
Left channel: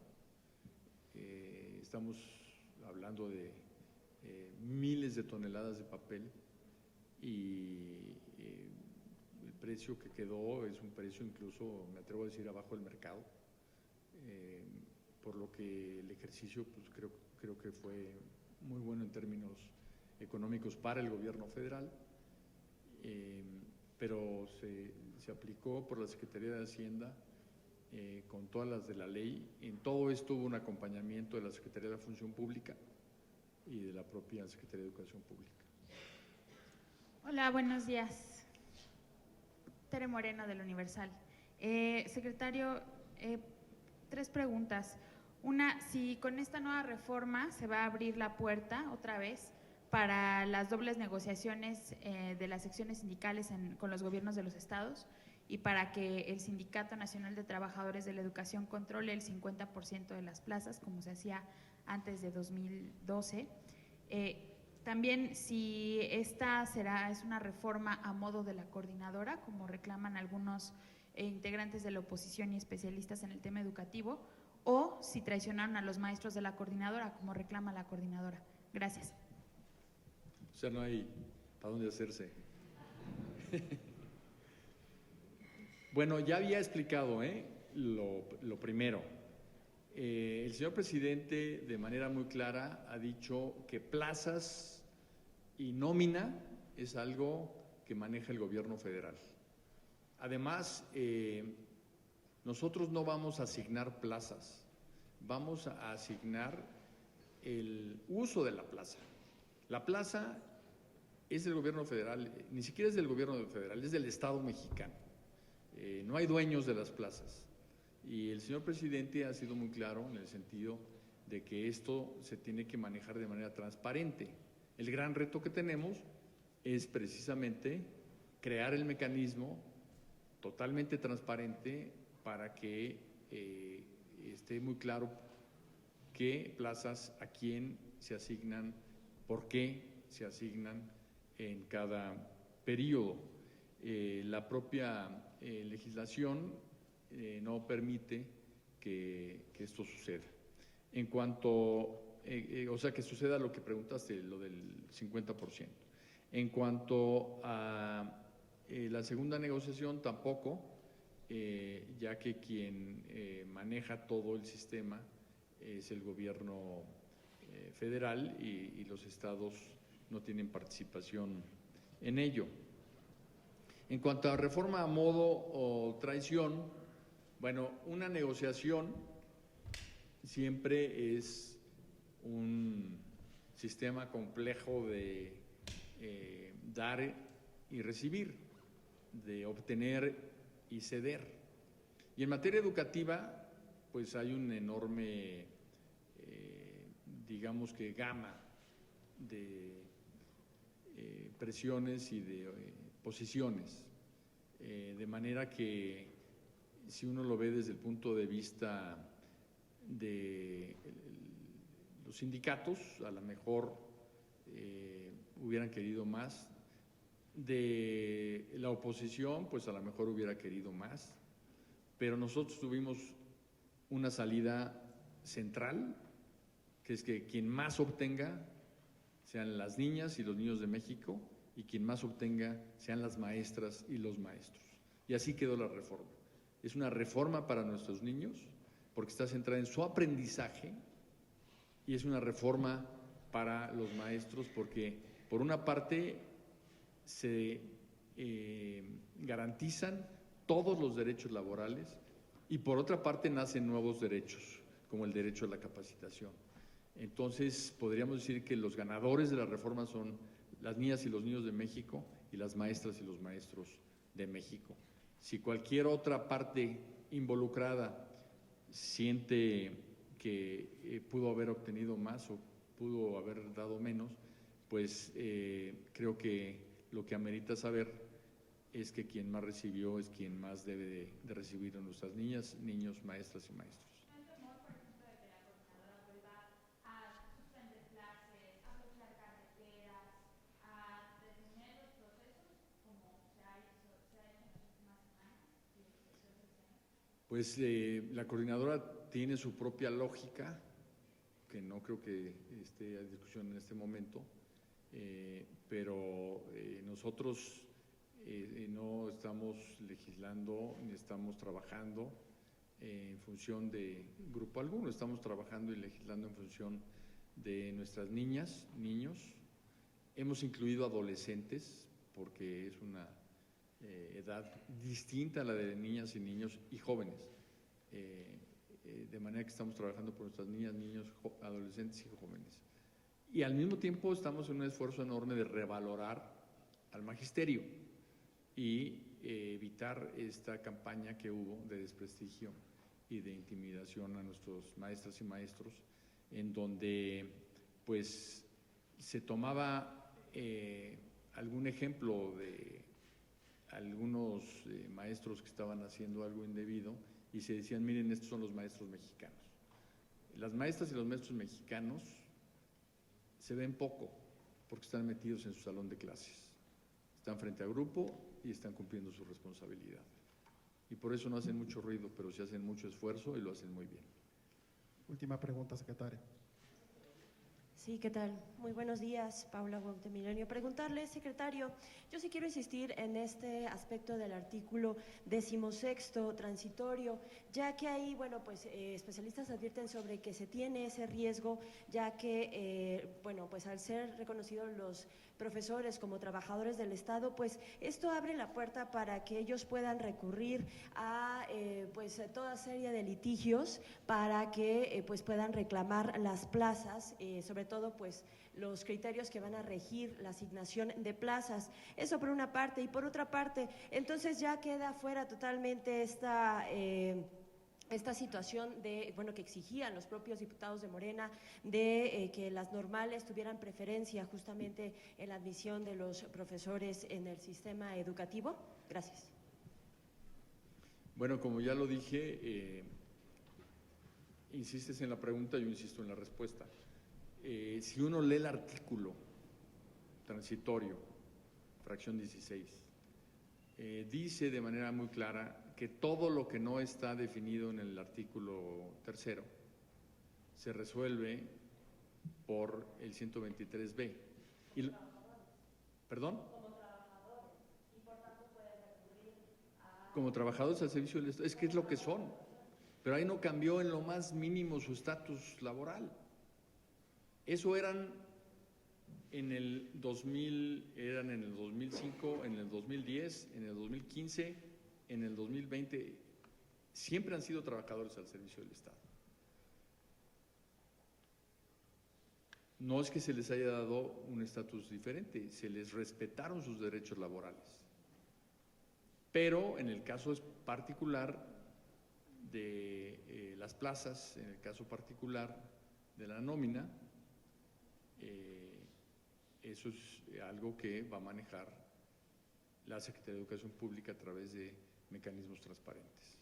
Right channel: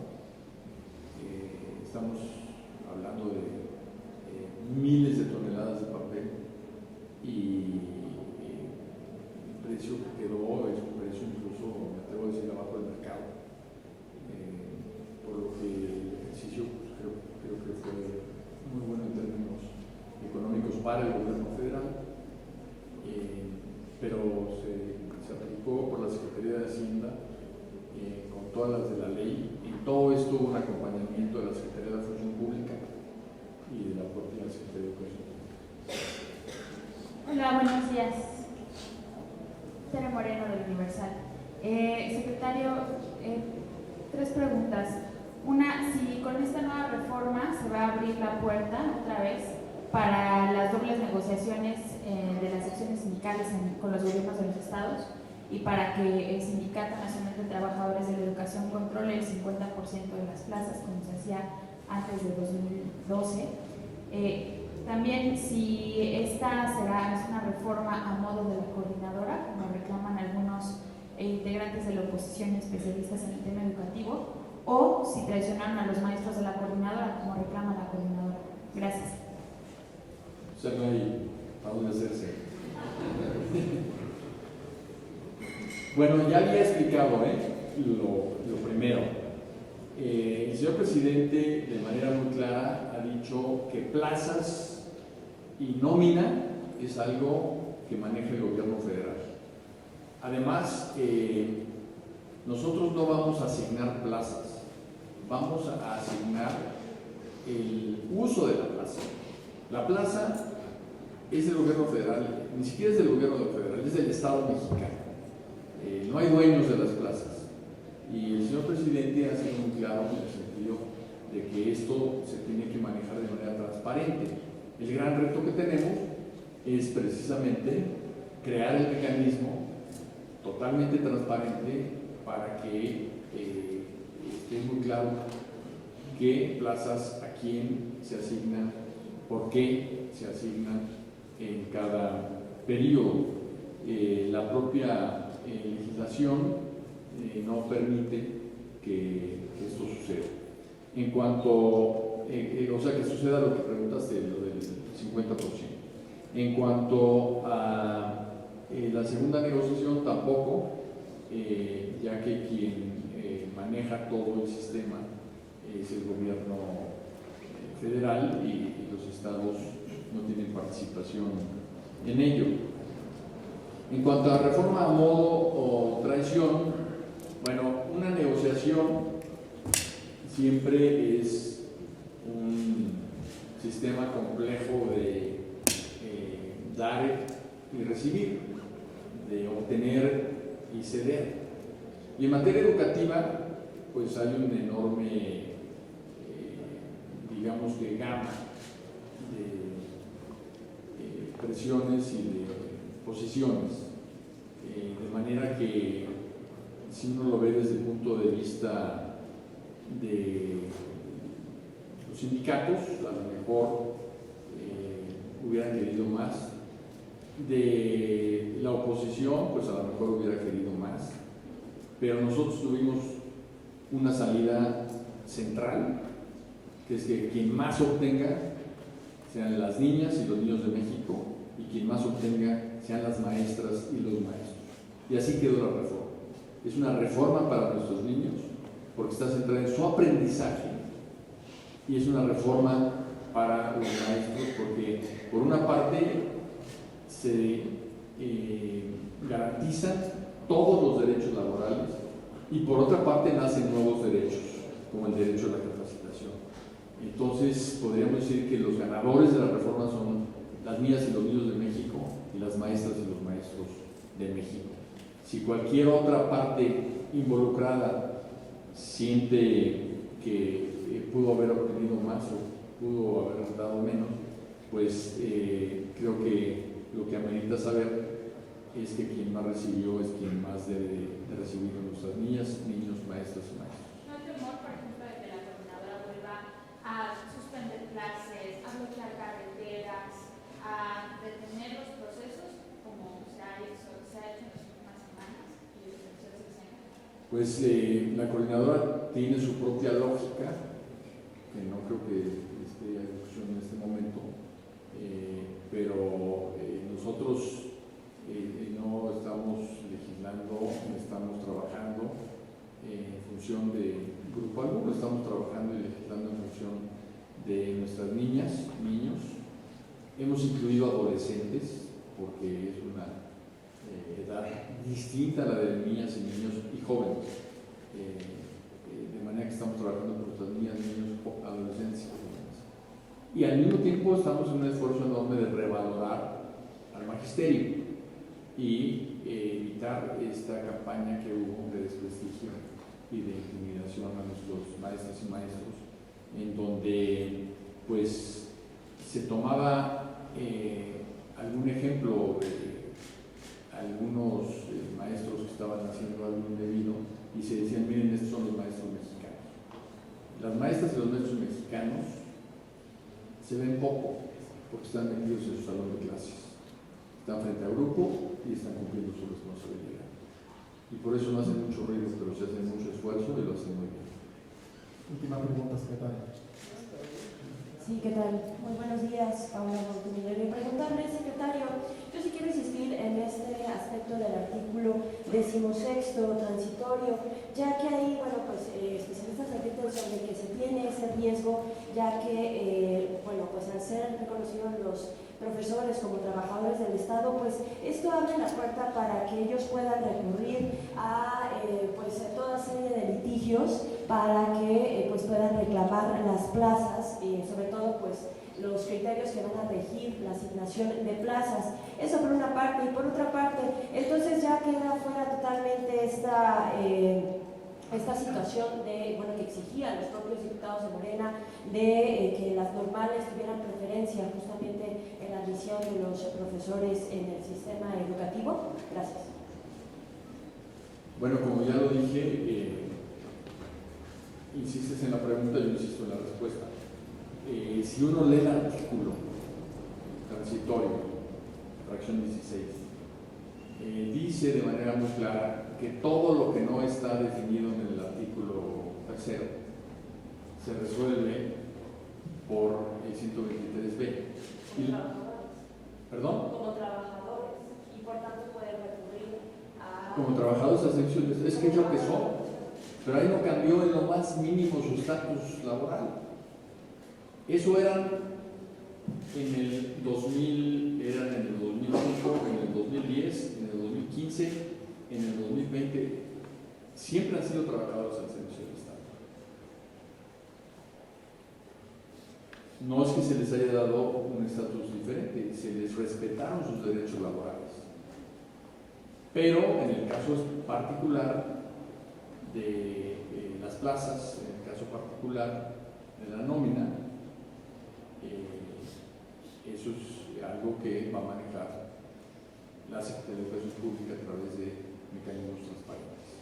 Estamos hablando de miles de toneladas de papel y el precio que quedó es un precio incluso, me atrevo a decir, abajo del mercado, por lo que el ejercicio pues, creo que fue muy bueno en términos económicos para el gobierno federal, pero se aplicó por la Secretaría de Hacienda con todas las de la ley. En todo esto hubo un acompañamiento de la Secretaría de Función Pública y de la propia Secretaría de Educación Pública. Hola, buenos días. Tere Moreno del Universal. Secretario, 3 preguntas. Una, si con esta nueva reforma se va a abrir la puerta otra vez para las dobles negociaciones de las secciones sindicales con los gobiernos de los estados y para que el Sindicato Nacional de Trabajadores de la Educación controle el 50% de las plazas, como se hacía antes de 2012. También si esta es una reforma a modo de la coordinadora, como reclaman algunos integrantes de la oposición y especialistas en el tema educativo, o si traicionaron a los maestros de la coordinadora, como reclama la coordinadora. Gracias. O sea, no hay a dónde hacerse. Bueno, ya había explicado lo primero. El señor presidente, de manera muy clara, ha dicho que plazas y nómina es algo que maneja el gobierno federal. Además, nosotros no vamos a asignar plazas, vamos a asignar el uso de la plaza. La plaza es del gobierno federal, ni siquiera es del gobierno federal, es del Estado mexicano. No hay dueños de las plazas. Y el señor presidente ha sido muy claro en el sentido de que esto se tiene que manejar de manera transparente. El gran reto que tenemos es precisamente crear el mecanismo totalmente transparente para que esté muy claro qué plazas a quién se asignan, por qué se asignan en cada periodo. La propia legislación no permite que esto suceda. En cuanto, o sea, que suceda lo que preguntaste, lo del 50%. En cuanto a la segunda negociación, tampoco, ya que quien maneja todo el sistema es el gobierno federal y los estados no tienen participación en ello. En cuanto a reforma a modo o traición, bueno, una negociación siempre es un sistema complejo de dar y recibir, de obtener y ceder. Y en materia educativa, pues hay un enorme, digamos que gama de presiones y de posiciones, de manera que si uno lo ve desde el punto de vista de los sindicatos, a lo mejor hubieran querido más, de la oposición, pues a lo mejor hubiera querido más, pero nosotros tuvimos una salida central, que es que quien más obtenga sean las niñas y los niños de México, y quien más obtenga sean las maestras y los maestros. Y así quedó la reforma. Es una reforma para nuestros niños, porque está centrada en su aprendizaje, y es una reforma para los maestros, porque por una parte se garantizan todos los derechos laborales y por otra parte nacen nuevos derechos, como el derecho a la capacitación. Entonces podríamos decir que los ganadores de la reforma son las niñas y los niños de México y las maestras y los maestros de México. Si cualquier otra parte involucrada siente que pudo haber obtenido más o pudo haber dado menos, pues creo que lo que amerita saber es que quien más recibió es quien más debe de recibir a nuestras niñas, niños, maestras y maestros. ¿No hay temor, por ejemplo, de que la coordinadora Pues la coordinadora tiene su propia lógica, que no creo que esté en discusión en este momento, pero nosotros no estamos legislando, estamos trabajando en función de grupo alguno, estamos trabajando y legislando en función de nuestras niñas, niños. Hemos incluido adolescentes porque es una edad distinta a la de niñas y niños y jóvenes, de manera que estamos trabajando con nuestras niñas, niños, adolescentes y jóvenes. Y al mismo tiempo estamos en un esfuerzo enorme de revalorar al magisterio y evitar esta campaña que hubo de desprestigio y de intimidación a nuestros maestras y maestros, en donde pues se tomaba algún ejemplo de algunos maestros que estaban haciendo algo indebido y se decían, miren, estos son los maestros mexicanos. Las maestras y los maestros mexicanos se ven poco porque están metidos en su salón de clases, están frente al grupo y están cumpliendo su responsabilidad. Y por eso no hacen mucho ruido, pero se hacen mucho esfuerzo y lo hacen muy bien. Última pregunta, secretaria. Sí, ¿qué tal? Muy buenos días, Paola Montemillorio. Preguntarle, secretario, yo sí quiero insistir en este aspecto del artículo 16 transitorio, ya que ahí, bueno, pues especialistas advierten sobre que se tiene ese riesgo, ya que, bueno, pues al ser reconocidos los profesores como trabajadores del Estado, pues esto abre la puerta para que ellos puedan recurrir a pues toda serie de litigios para que pues puedan reclamar las plazas y sobre todo pues los criterios que van a regir la asignación de plazas. Eso por una parte, y por otra parte, entonces ya queda fuera totalmente esta situación de, bueno, que exigían los propios diputados de Morena de que las normales tuvieran preferencia justamente en la admisión de los profesores en el sistema educativo. Gracias. Bueno, como ya lo dije, insistes en la pregunta, yo insisto en la respuesta. Si uno lee el artículo transitorio, fracción 16, dice de manera muy clara que todo lo que no está definido en el artículo 3 se resuelve por el 123b. ¿Perdón? Como trabajadores, y por tanto pueden recurrir a... Como trabajadores ascensiones, es que es lo que son. Pero ahí no cambió en lo más mínimo su estatus laboral. Eso eran en el 2000, eran en el 2005, en el 2010, en el 2015, en el 2020. Siempre han sido trabajadores al servicio del Estado. No es que se les haya dado un estatus diferente, se les respetaron sus derechos laborales. Pero en el caso particular de las plazas, en el caso particular de la nómina, eso es algo que va a manejar la Secretaría de Educación Pública a través de mecanismos transparentes.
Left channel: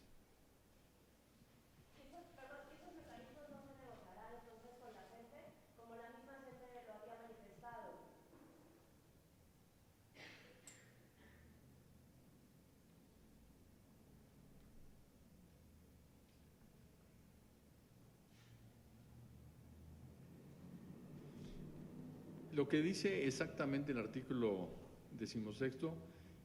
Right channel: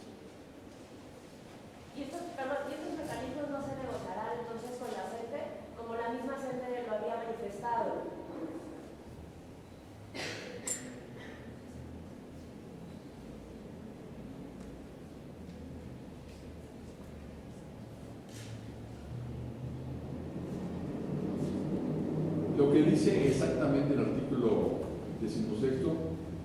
¿Y estos mecanismos no se negociarán entonces con la CENTE, como la misma CENTE lo había manifestado? Lo que dice exactamente el artículo 16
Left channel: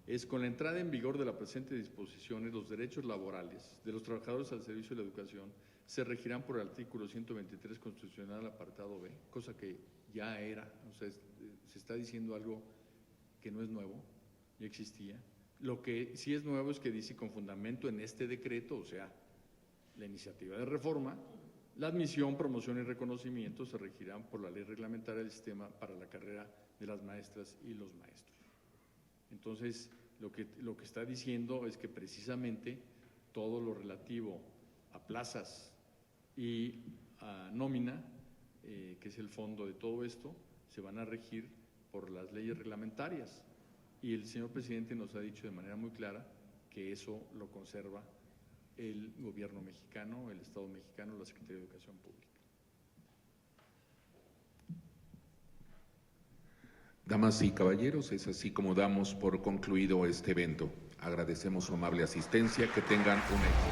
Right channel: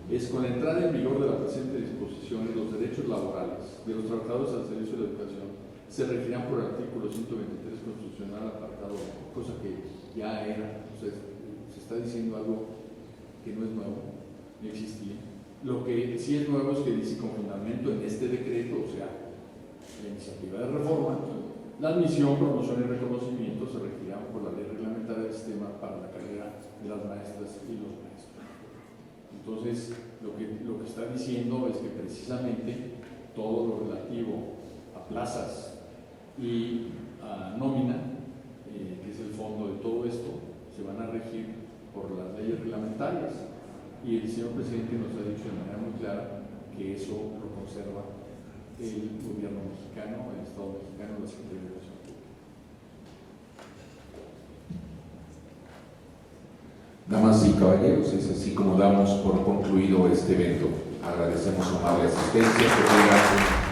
es: con la entrada en vigor de la presente disposición, los derechos laborales de los trabajadores al servicio de la educación se regirán por el artículo 123 constitucional apartado, cosa que ya era, o sea, se está diciendo algo que no es nuevo, ya existía. Lo que sí es nuevo es que dice con fundamento en este decreto, o sea, la iniciativa de reforma, la admisión, promoción y reconocimiento se regirán por la ley reglamentaria del sistema para la carrera de las maestras y los maestros. Entonces, lo que está diciendo es que precisamente todo lo relativo a plazas y a nómina, que es el fondo de todo esto, se van a regir por las leyes reglamentarias. Y el señor presidente nos ha dicho de manera muy clara que eso lo conserva el gobierno mexicano, el Estado mexicano, la Secretaría de Educación Pública. Damas y caballeros, es así como damos por concluido este evento. Agradecemos su amable asistencia. Que tengan